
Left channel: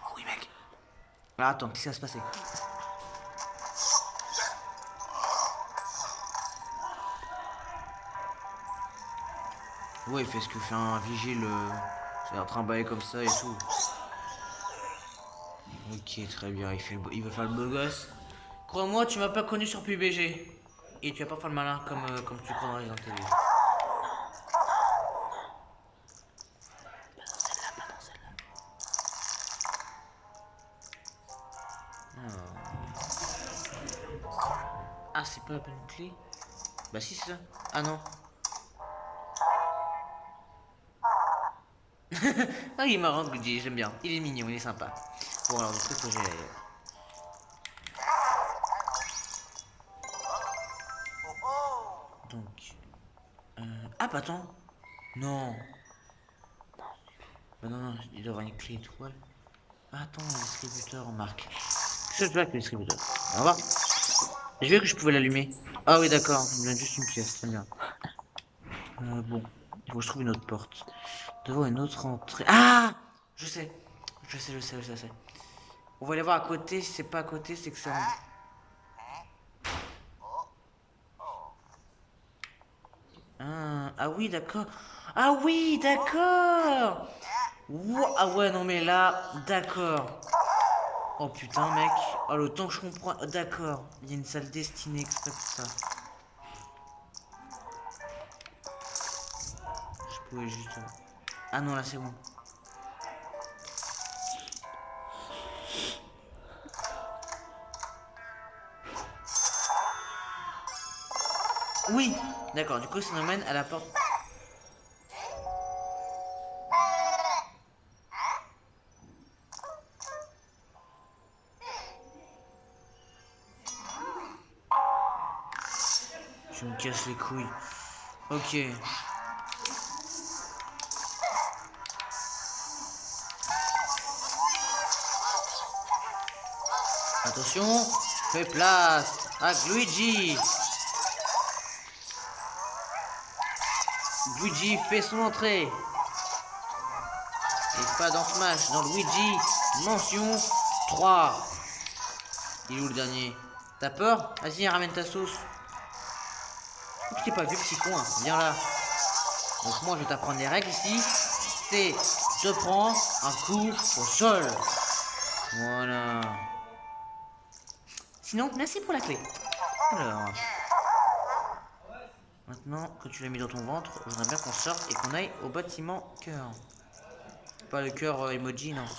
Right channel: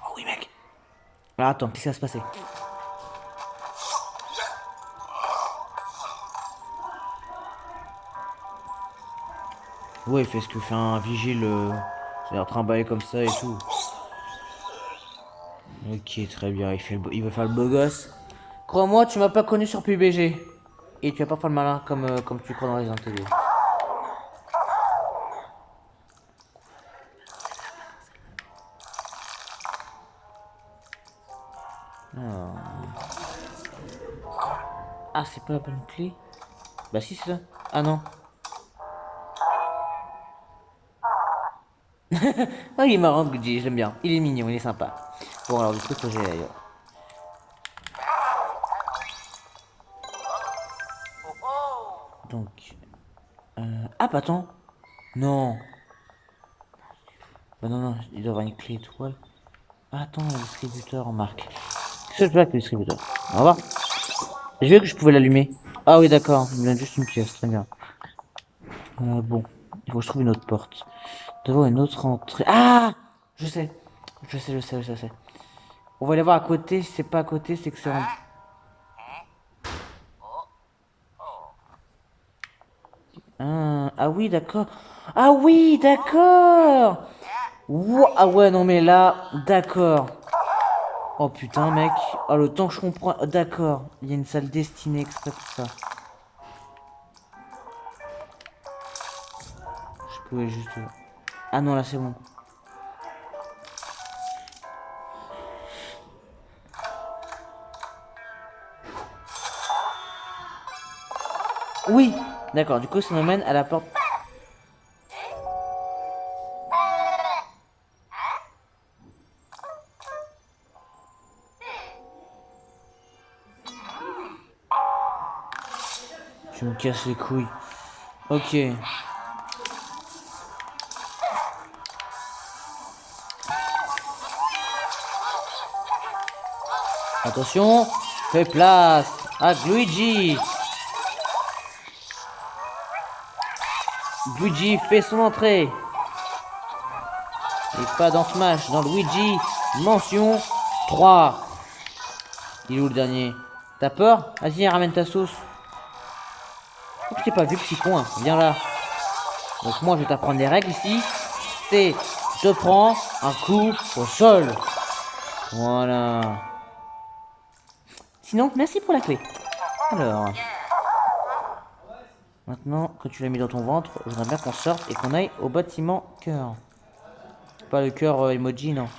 Oh oui, mec. Ah, attends, qu'est-ce qui va se passer? Ouais, il fait ce que fait un vigile. C'est en train de bailler comme ça et tout. Ok, très bien, il veut faire le beau gosse. Crois-moi, tu m'as pas connu sur PUBG. Et tu vas pas faire le malin comme tu crois dans les Evil. Ah, c'est pas la bonne clé. Bah si, c'est ça. Ah non. Ah, il est marrant, Luigi, j'aime bien. Il est mignon, il est sympa. Bon, alors du coup, faut que j'aille ailleurs. Donc... Ah, bah attends. Non. Bah non, non, il doit y avoir une clé étoile. Ah, attends, le distributeur en marque. Qu'est-ce que je fais avec le distributeur? Au revoir. J'ai vu que je pouvais l'allumer. Ah oui, d'accord. Il me donne juste une pièce, très bien. Bon, il faut que je trouve une autre porte. Devant une autre entrée. Ah! Je sais. Je sais. On va aller voir à côté. Si c'est pas à côté, c'est que c'est en... Ah oui, d'accord. Ah oui, d'accord. Ah ouais, non mais là, d'accord. Oh putain, mec. Oh, le temps que je comprends. D'accord. Il y a une salle destinée exprès pour ça. Je pouvais juste... Ah non, là c'est bon. Oui, d'accord. Du coup, ça m'amène à la porte. Tu me casses les couilles. Ok. Attention, fais place à Luigi. Luigi fait son entrée. Et pas dans Smash, dans Luigi. Mention 3. Il est où le dernier? T'as peur? Vas-y, ramène ta sauce. Pourquoi tu t'es pas vu, petit con, hein? Viens là. Donc moi, je vais t'apprendre les règles ici. C'est, je te prends un coup au sol. Voilà. Sinon, merci pour la clé. Alors... Maintenant que tu l'as mis dans ton ventre, je voudrais bien qu'on sorte et qu'on aille au bâtiment cœur. Pas le cœur emoji, non.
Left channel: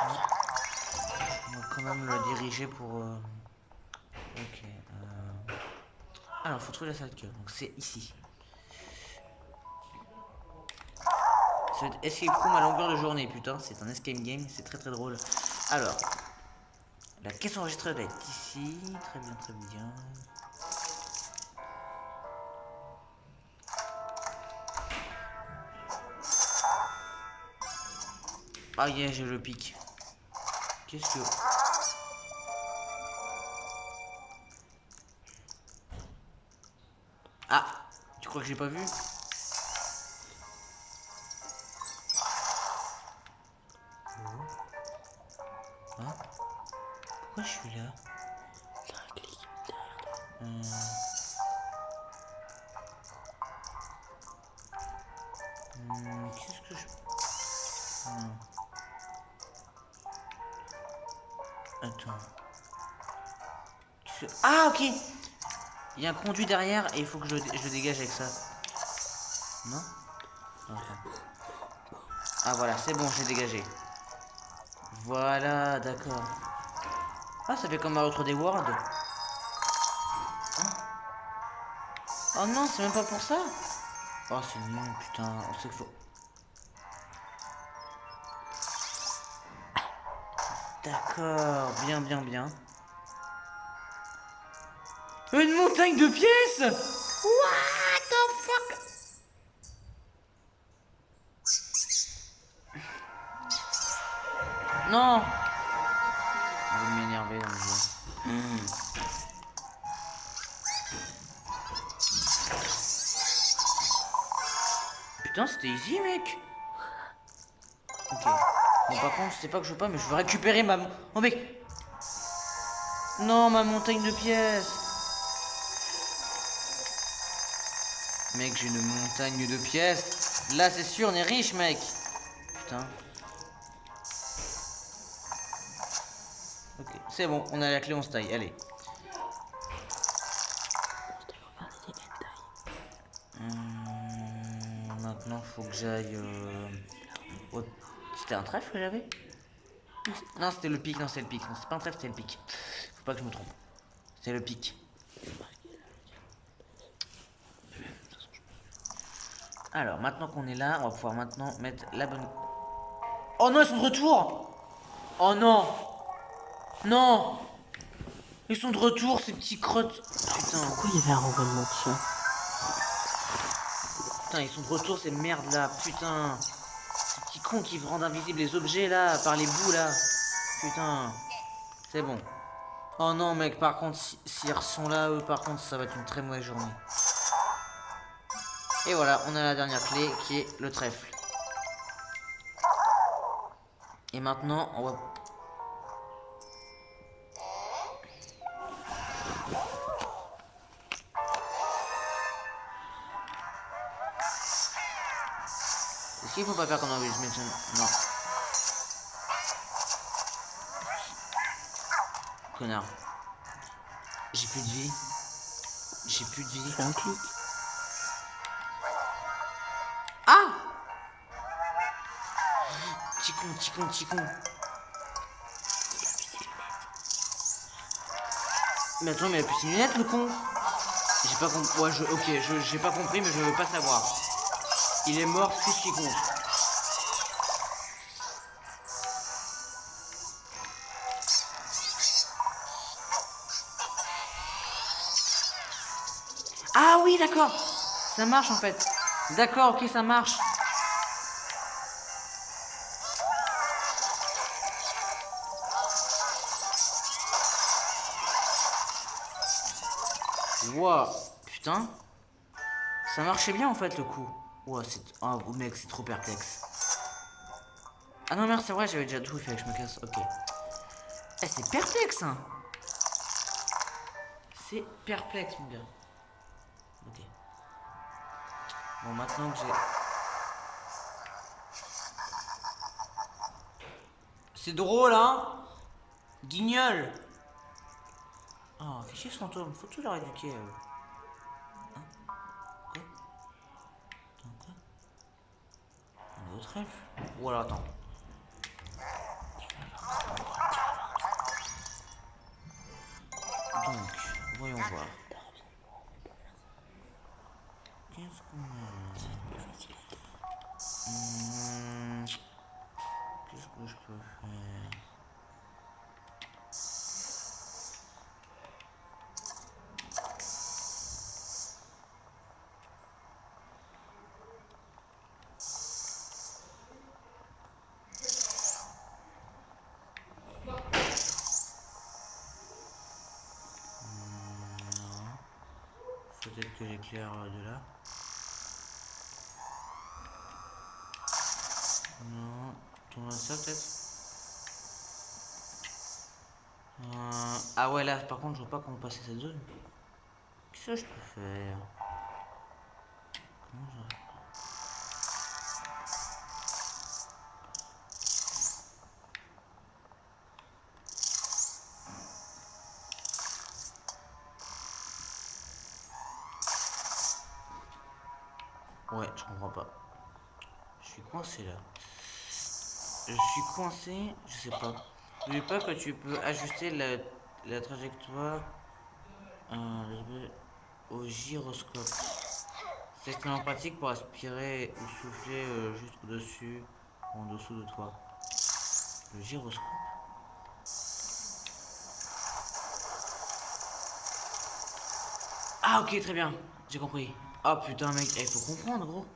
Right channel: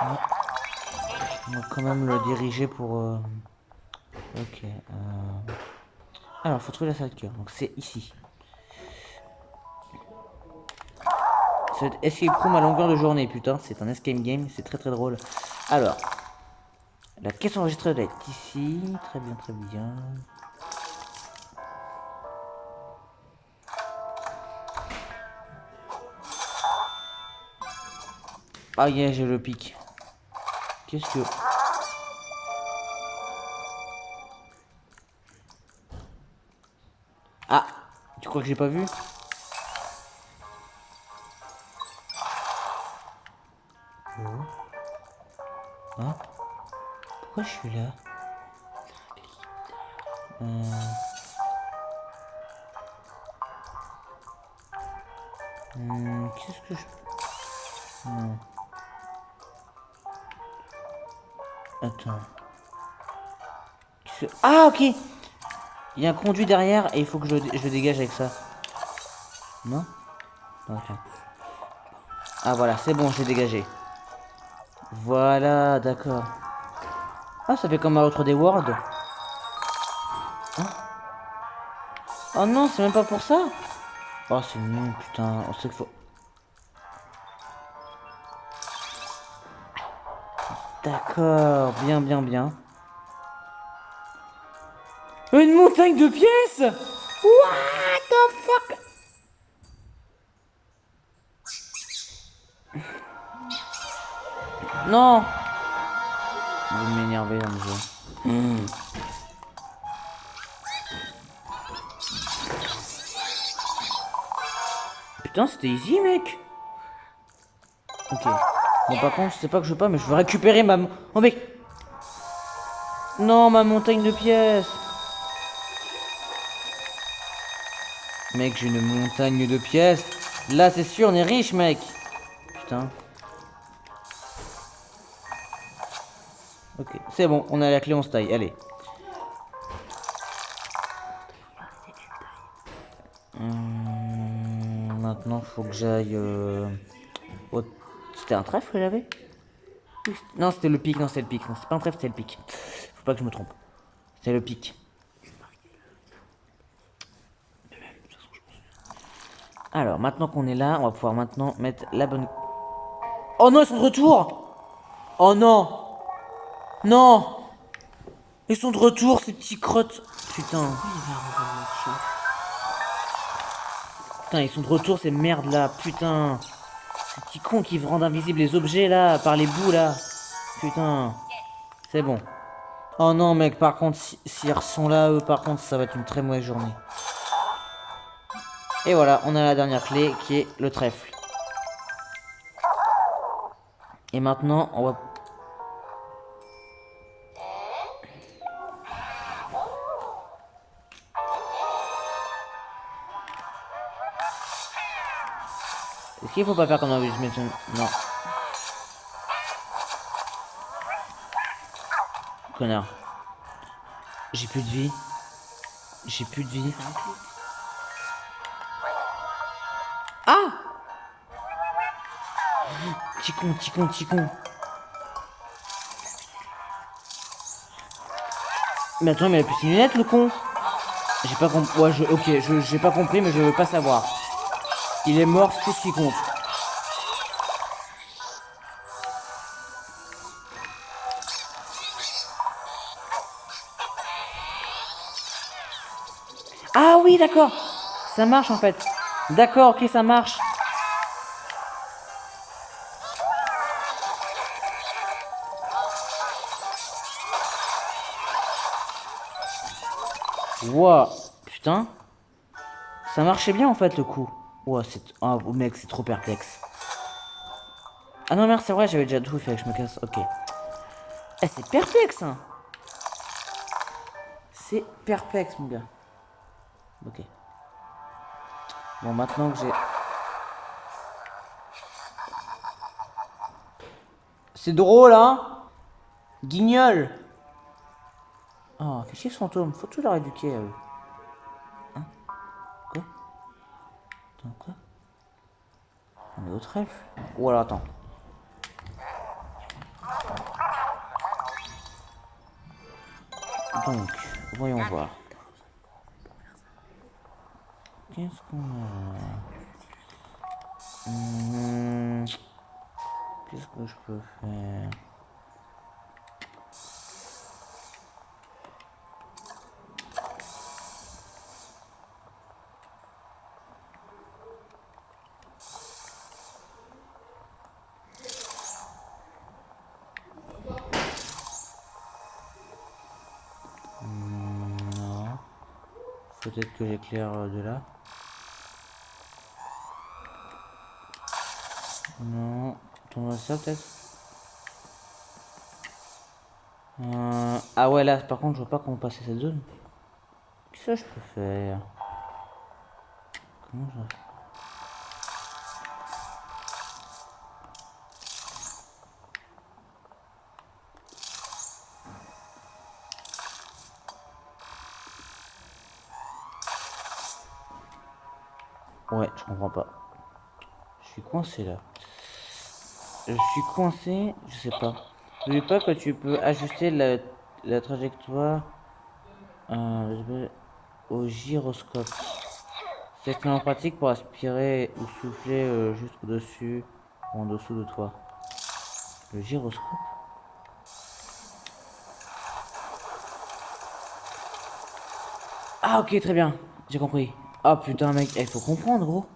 On va quand même le diriger pour... Ok. Alors, faut trouver la salle de cœur. Donc c'est ici. C'est escape room à longueur de journée, putain. C'est un escape game, c'est très très drôle. Alors, la caisse enregistrée doit être ici. Très bien, très bien. Ah yeah, j'ai le pic. Qu'est-ce que... Ah, tu crois que j'ai pas vu? Hein? Pourquoi je suis là? Qu'est-ce que je... Non. Attends. Ah, ok. Il y a un conduit derrière et il faut que je le dégage avec ça. Non? Ok. Ah, voilà, c'est bon, j'ai dégagé. Voilà, d'accord. Ah, ça fait comme un autre des Worlds. Oh. Oh non, c'est même pas pour ça. Oh, c'est nul, putain. On sait qu'il faut... D'accord, bien, bien, bien. Une montagne de pièces? What the fuck? Non. Vous m'énervez là, monsieur. Putain, c'était easy, mec. Ok. Bon, par contre, c'est pas que je veux pas, mais je veux récupérer ma... Oh, mec. Non, ma montagne de pièces. Mec, j'ai une montagne de pièces. Là, c'est sûr, on est riche, mec. Putain. Ok, c'est bon, on a la clé, on se taille. Allez. Maintenant, faut que j'aille... C'était un trèfle que j'avais? Non, c'était le pic. Non, c'était le pic. Non, c'était pas un trèfle, c'était le pic. Faut pas que je me trompe. C'est le pic. Alors, maintenant qu'on est là, on va pouvoir maintenant mettre la bonne... Oh non, ils sont de retour! Oh non! Non! Ils sont de retour, ces petits crottes. Putain. Pourquoi il y avait un renversement de sang? Putain, ils sont de retour, ces merdes là. Putain. Ces petits cons qui rendent invisibles les objets là, par les bouts là. Putain. C'est bon. Oh non, mec, par contre, s'ils sont là, eux, par contre, ça va être une très mauvaise journée. Et voilà, on a la dernière clé qui est le trèfle. Et maintenant, on va... Est-ce qu'il faut pas faire comme dans Luigi's Mansion? Non. Connard. J'ai plus de vie. J'ai plus de vie. Fais un clic. Ah! Petit con, petit con, petit con. Mais attends, mais il a plus ses lunettes, le con. J'ai pas compris. Ouais, ok, j'ai pas compris, mais je veux pas savoir. Il est mort, c'est tout ce qui compte. Ah oui, d'accord. Ça marche en fait. D'accord, ok, ça marche. Ouah, putain. Ça marchait bien en fait le coup. Ouah, c'est... Oh mec, c'est trop perplexe. Ah non, merde, c'est vrai, j'avais déjà tout fait, que je me casse. Ok. Eh, c'est perplexe, hein. C'est perplexe, mon gars. Ok. Bon, maintenant que j'ai... C'est drôle, hein. Guignol. Oh, fais chier ce fantôme. Faut toujours éduquer à eux. Hein? Quoi? Attends, quoi? Un autre elfe? Ou alors, attends. Donc, voyons voir. Qu'est-ce qu'on a là? Qu'est-ce que je peux faire? Non. Peut-être que j'éclaire de là. Non. Attends, ça peut-être. Ah ouais, là, par contre, je vois pas comment passer cette zone. Qu'est-ce que je peux faire? Comment je... Ouais, je comprends pas. Je suis coincé là. Je suis coincé, je sais pas. N'oublie pas que tu peux ajuster la trajectoire au gyroscope. C'est extrêmement pratique pour aspirer ou souffler juste au-dessus ou en dessous de toi. Le gyroscope. Ah ok, très bien, j'ai compris. Ah putain mec, il faut comprendre gros.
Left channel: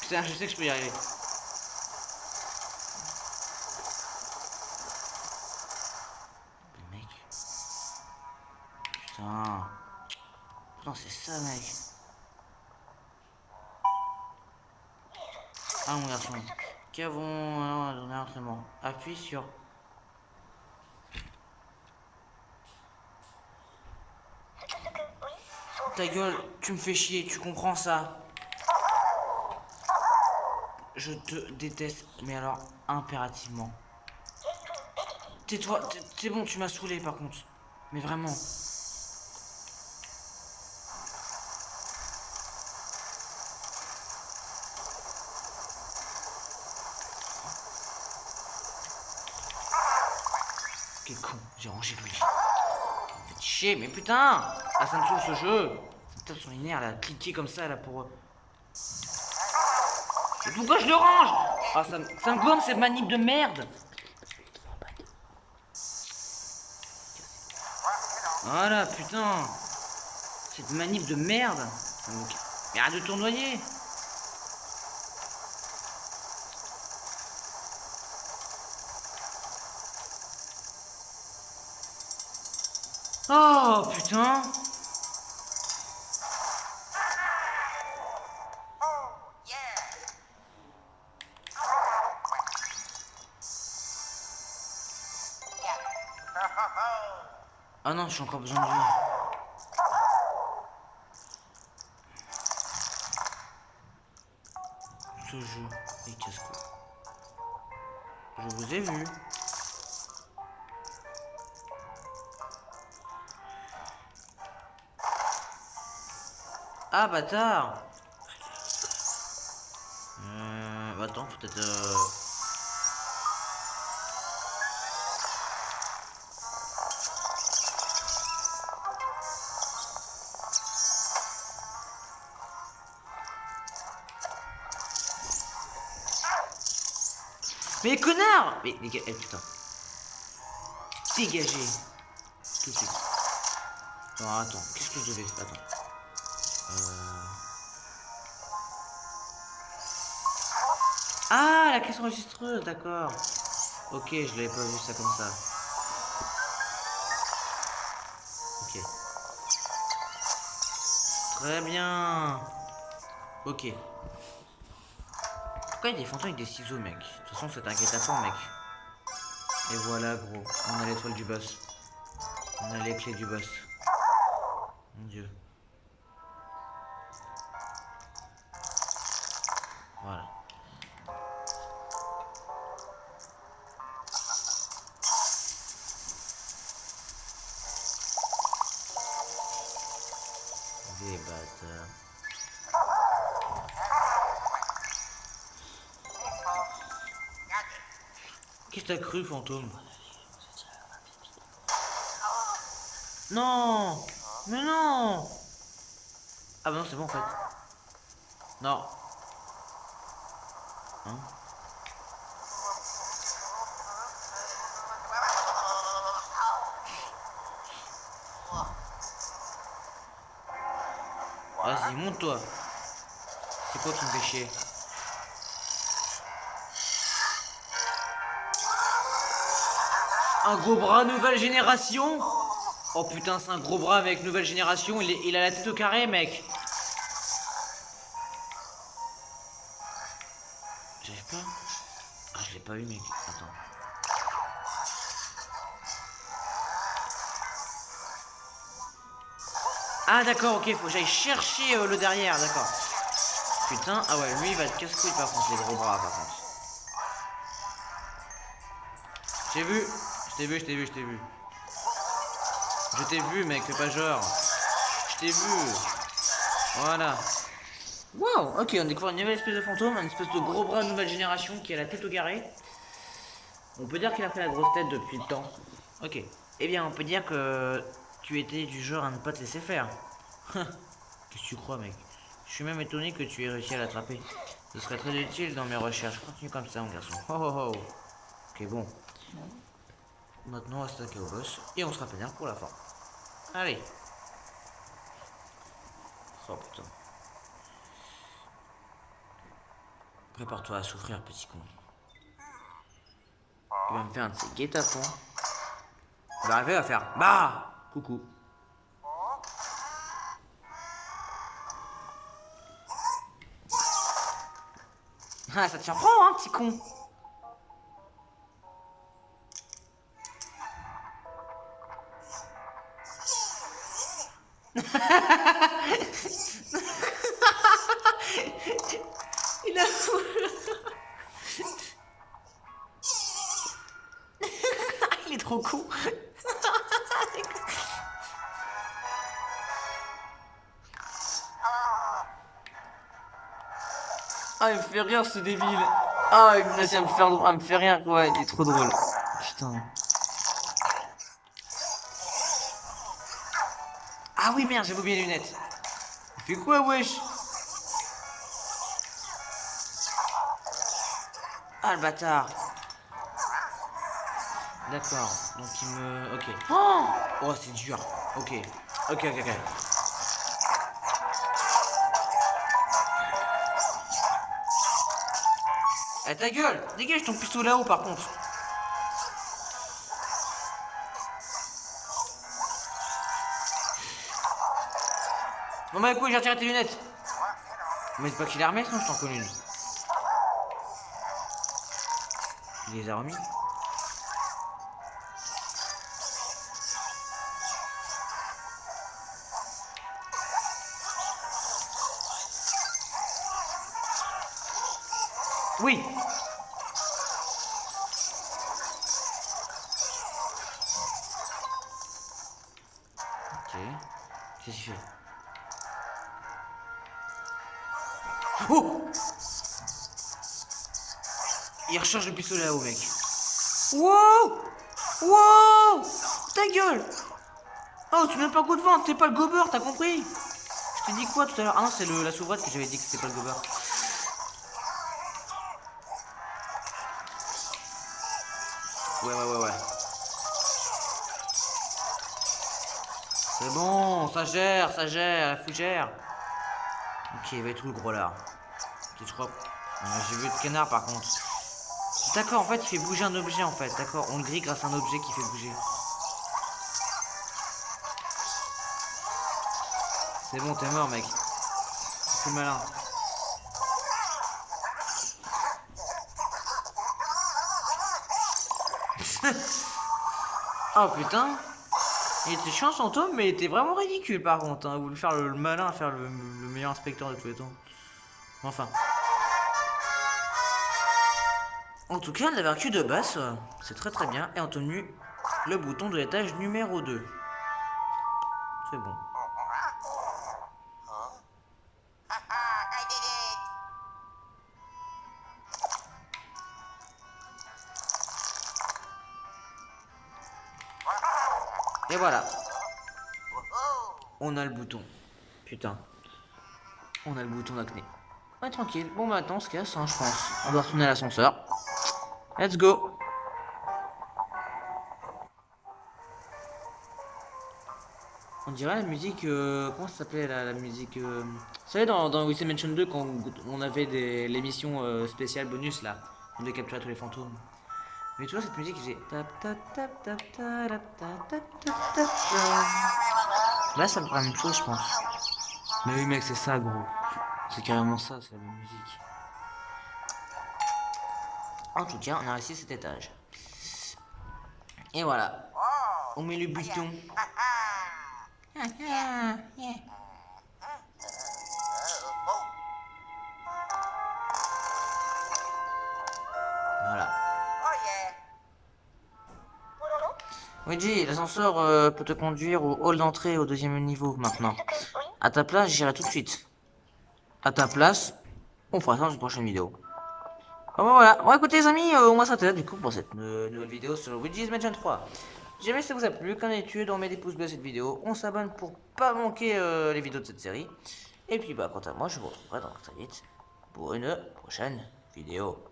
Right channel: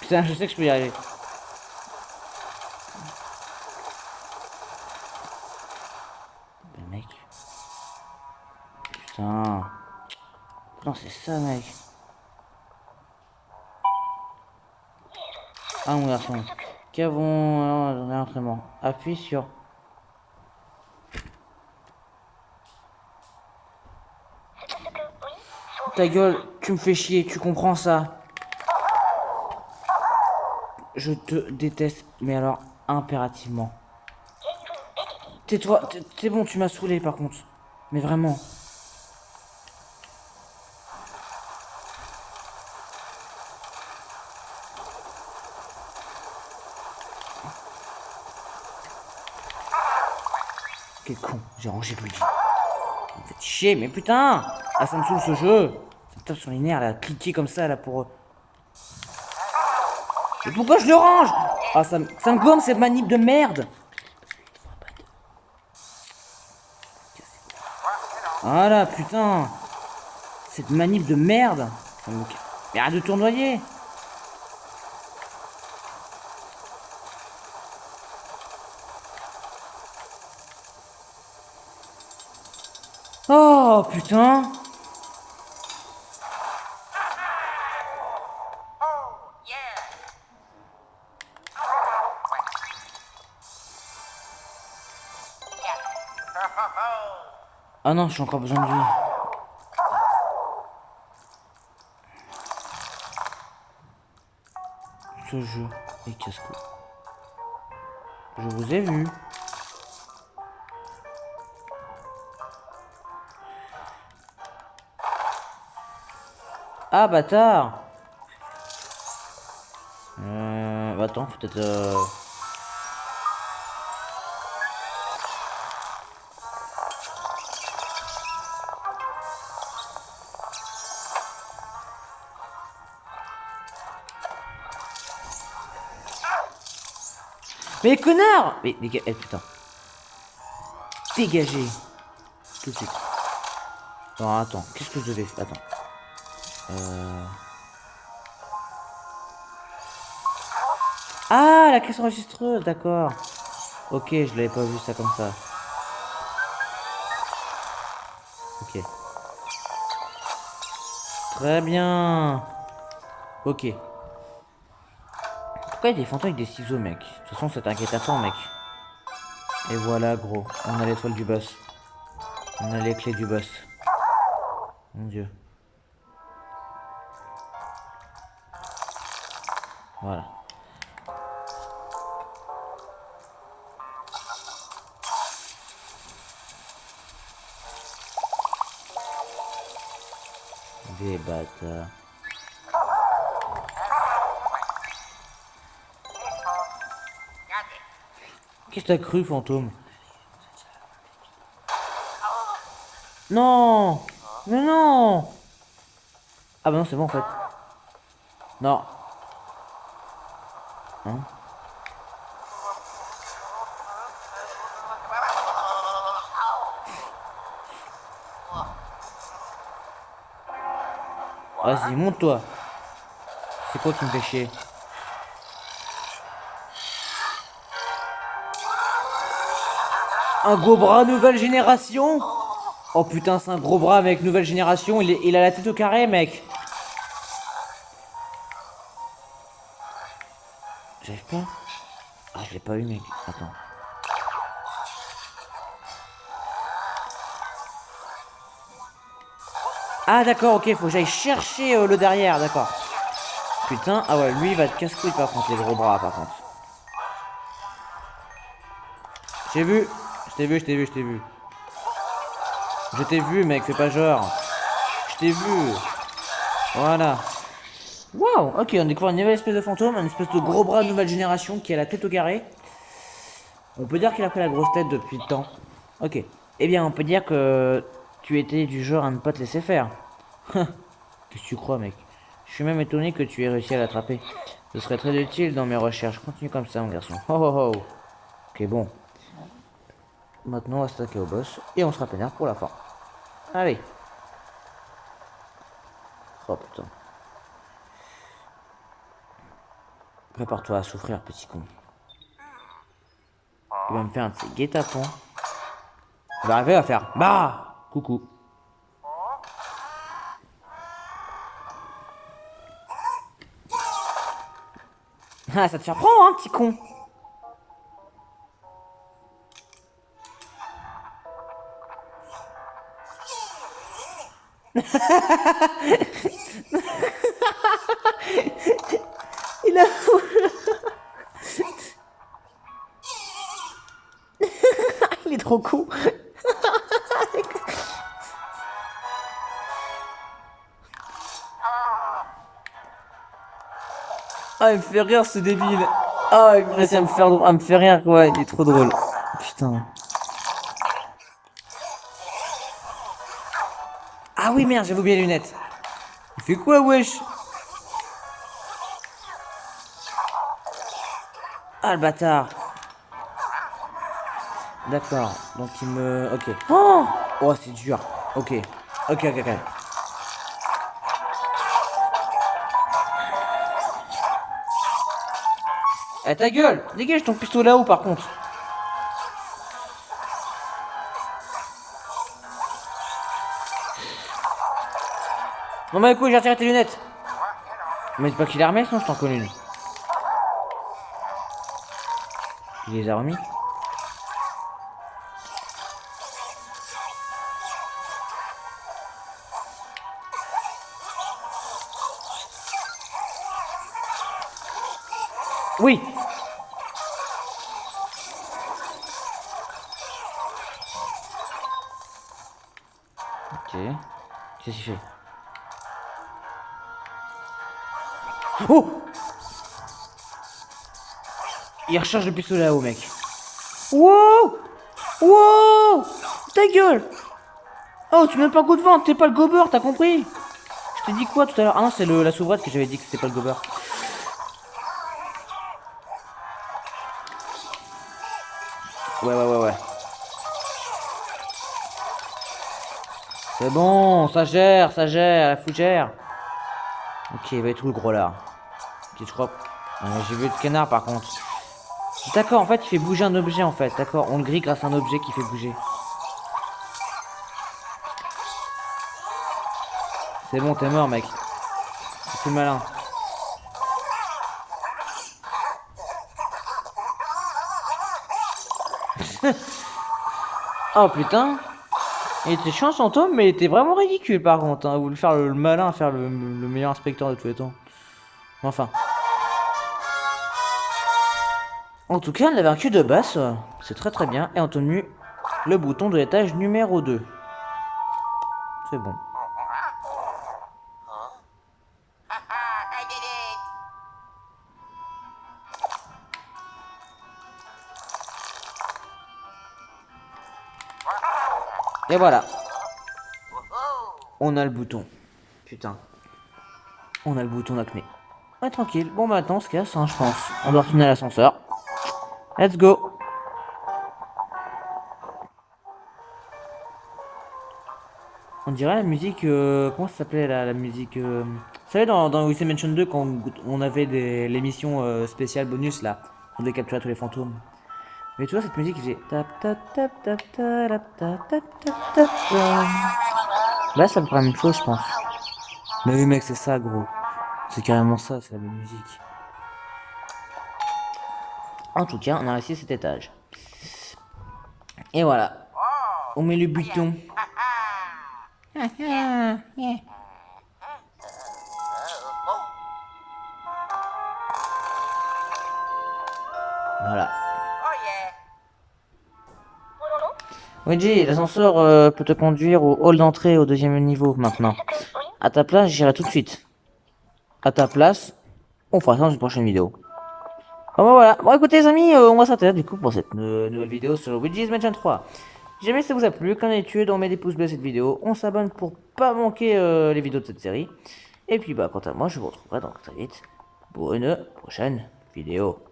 Putain, je sais que je peux y arriver. Mais mec. Putain. Putain, c'est ça mec. Ah mon garçon. Qu'avons... Alors, j'en ai un entraînement. Appuie sur... Ta gueule, tu me fais chier, tu comprends ça? Je te déteste, mais alors impérativement. Tais-toi, c'est bon, tu m'as saoulé par contre. Mais vraiment. Quel con, j'ai rangé le dit. Ça me fait chier, mais putain! Ah, ça me saoule ce jeu! Ça me tape sur les nerfs, là, cliquer comme ça, là, pour... Mais pourquoi je le range? Ah, ça me gomme, cette manip de merde! Voilà, putain! Cette manip de merde! Ça me... Mais arrête de tournoyer! Oh, putain! Oh, yeah. Ah non, j'ai encore besoin de vie. Ce jeu est casse-cou. Je vous ai vu. Ah, bâtard! Attends, peut-être... Mais connard! Mais dégage... Eh putain. Dégagez. Tout de suite. Non, attends. Qu'est-ce que je devais faire? Attends. Ah, la caisse enregistreuse, d'accord. Ok, je l'avais pas vu ça comme ça. Ok. Très bien. Ok. Pourquoi il y a des fantômes avec des ciseaux, mec? De toute façon, ça t'inquiète pas, mec. Et voilà, gros. On a l'étoile du boss. On a les clés du boss. Mon dieu. Voilà. Des bâtards. Qu'est-ce que t'as cru, fantôme? Non! Mais non! Ah bah non, c'est bon en fait. Non. Hein? Vas-y, monte-toi. C'est quoi qui me fait chier? Un gros bras nouvelle génération? Oh putain, c'est un gros bras avec nouvelle génération. Il a la tête au carré, mec. J'arrive pas. Ah, je l'ai pas eu, mec. Attends. Ah, d'accord, ok, faut que j'aille chercher le derrière, d'accord. Putain, ah ouais, lui, il va te casse-couille par contre, les gros bras, par contre. J'ai vu. Je t'ai vu, je t'ai vu, je t'ai vu. Je t'ai vu, mec, c'est pas genre. Je t'ai vu. Voilà. Waouh, ok, on découvre une nouvelle espèce de fantôme, une espèce de gros bras de nouvelle génération qui a la tête au carré. On peut dire qu'il a pris la grosse tête depuis le temps. Ok. Eh bien, on peut dire que tu étais du genre à ne pas te laisser faire. Qu'est-ce que tu crois, mec? Je suis même étonné que tu aies réussi à l'attraper. Ce serait très utile dans mes recherches. Continue comme ça, mon garçon. Oh oh oh. Ok, bon. Maintenant, on va s'attaquer au boss et on sera pénard pour la fin. Allez. Oh putain. Prépare-toi à souffrir, petit con. Il va me faire un de ces guet-apens. Il va arriver à faire bah coucou. Ah, ça te surprend, hein, petit con. Il a... Il est trop con. Ah, il me fait rire ce débile. Ah, il me laisse à me faire rire quoi, il est trop drôle. Putain. Ah oui, merde, j'avais oublié les lunettes. Il fait quoi, wesh? Ah, le bâtard. D'accord, donc il me... Ok. Oh, oh c'est dur. Ok. Ok. Eh, ta gueule! Dégage ton pistolet là-haut, par contre. Non, mais écoute, j'ai retiré tes lunettes. Mais dis pas qu'il a remis, sinon je t'en connais lui. Il les a remis. Oui. Ok. Qu'est-ce qu'il fait? Oh! Il recharge le pistolet là-haut, mec. Wow! Wow! Ta gueule! Oh, tu n'as pas goût de vente, t'es pas le gober, t'as compris? Je t'ai dit quoi tout à l'heure? Ah non, c'est la sauvrette que j'avais dit que c'était pas le gober. Ouais. C'est bon, ça gère, la fougère. Ok, il va être où le gros là? Petit croc. J'ai vu le canard par contre. D'accord, en fait, il fait bouger un objet en fait. D'accord, on le grille grâce à un objet qui fait bouger. C'est bon, t'es mort, mec. C'est malin. Oh putain. Il était chiant son tome, mais il était vraiment ridicule par contre. Hein. Vous voulez faire le malin, faire le meilleur inspecteur de tous les temps. Enfin. En tout cas, on a vaincu de basse. C'est très bien. Et on a tenu le bouton de l'étage numéro 2. C'est bon. I did it. Et voilà. On a le bouton. Putain. On a le bouton d'acné. Ouais, tranquille. Bon, bah attends, on se casse, hein, je pense. On doit retourner à l'ascenseur. Let's go. On dirait la musique... comment ça s'appelait la musique... Vous savez, dans Luigi's Mansion 2, quand on avait l'émission spéciale bonus, là, on devait capturer tous les fantômes. Mais tu vois, cette musique, il faisait... Là, ça me prend la même chose, je pense. Mais oui, mec, c'est ça, gros. C'est carrément ça, c'est la même musique. En tout cas, on a réussi cet étage. Et voilà. On met le bouton. Voilà. Luigi, l'ascenseur peut te conduire au hall d'entrée au 2e niveau maintenant. À ta place, j'irai tout de suite. À ta place, on fera ça dans une prochaine vidéo. Bon, bah, voilà. Bon, écoutez, les amis, on va s'arrêter du coup pour cette nouvelle vidéo sur Luigi's Mansion 3. Si jamais ça vous a plu, qu'en est-il, on met des pouces bleus à cette vidéo. On s'abonne pour pas manquer les vidéos de cette série. Et puis, bah, quant à moi, je vous retrouverai dans très vite pour une prochaine vidéo.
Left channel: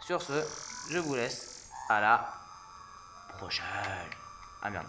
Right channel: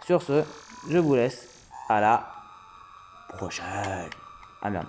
Sur ce, je vous laisse à la prochaine. Ah merde.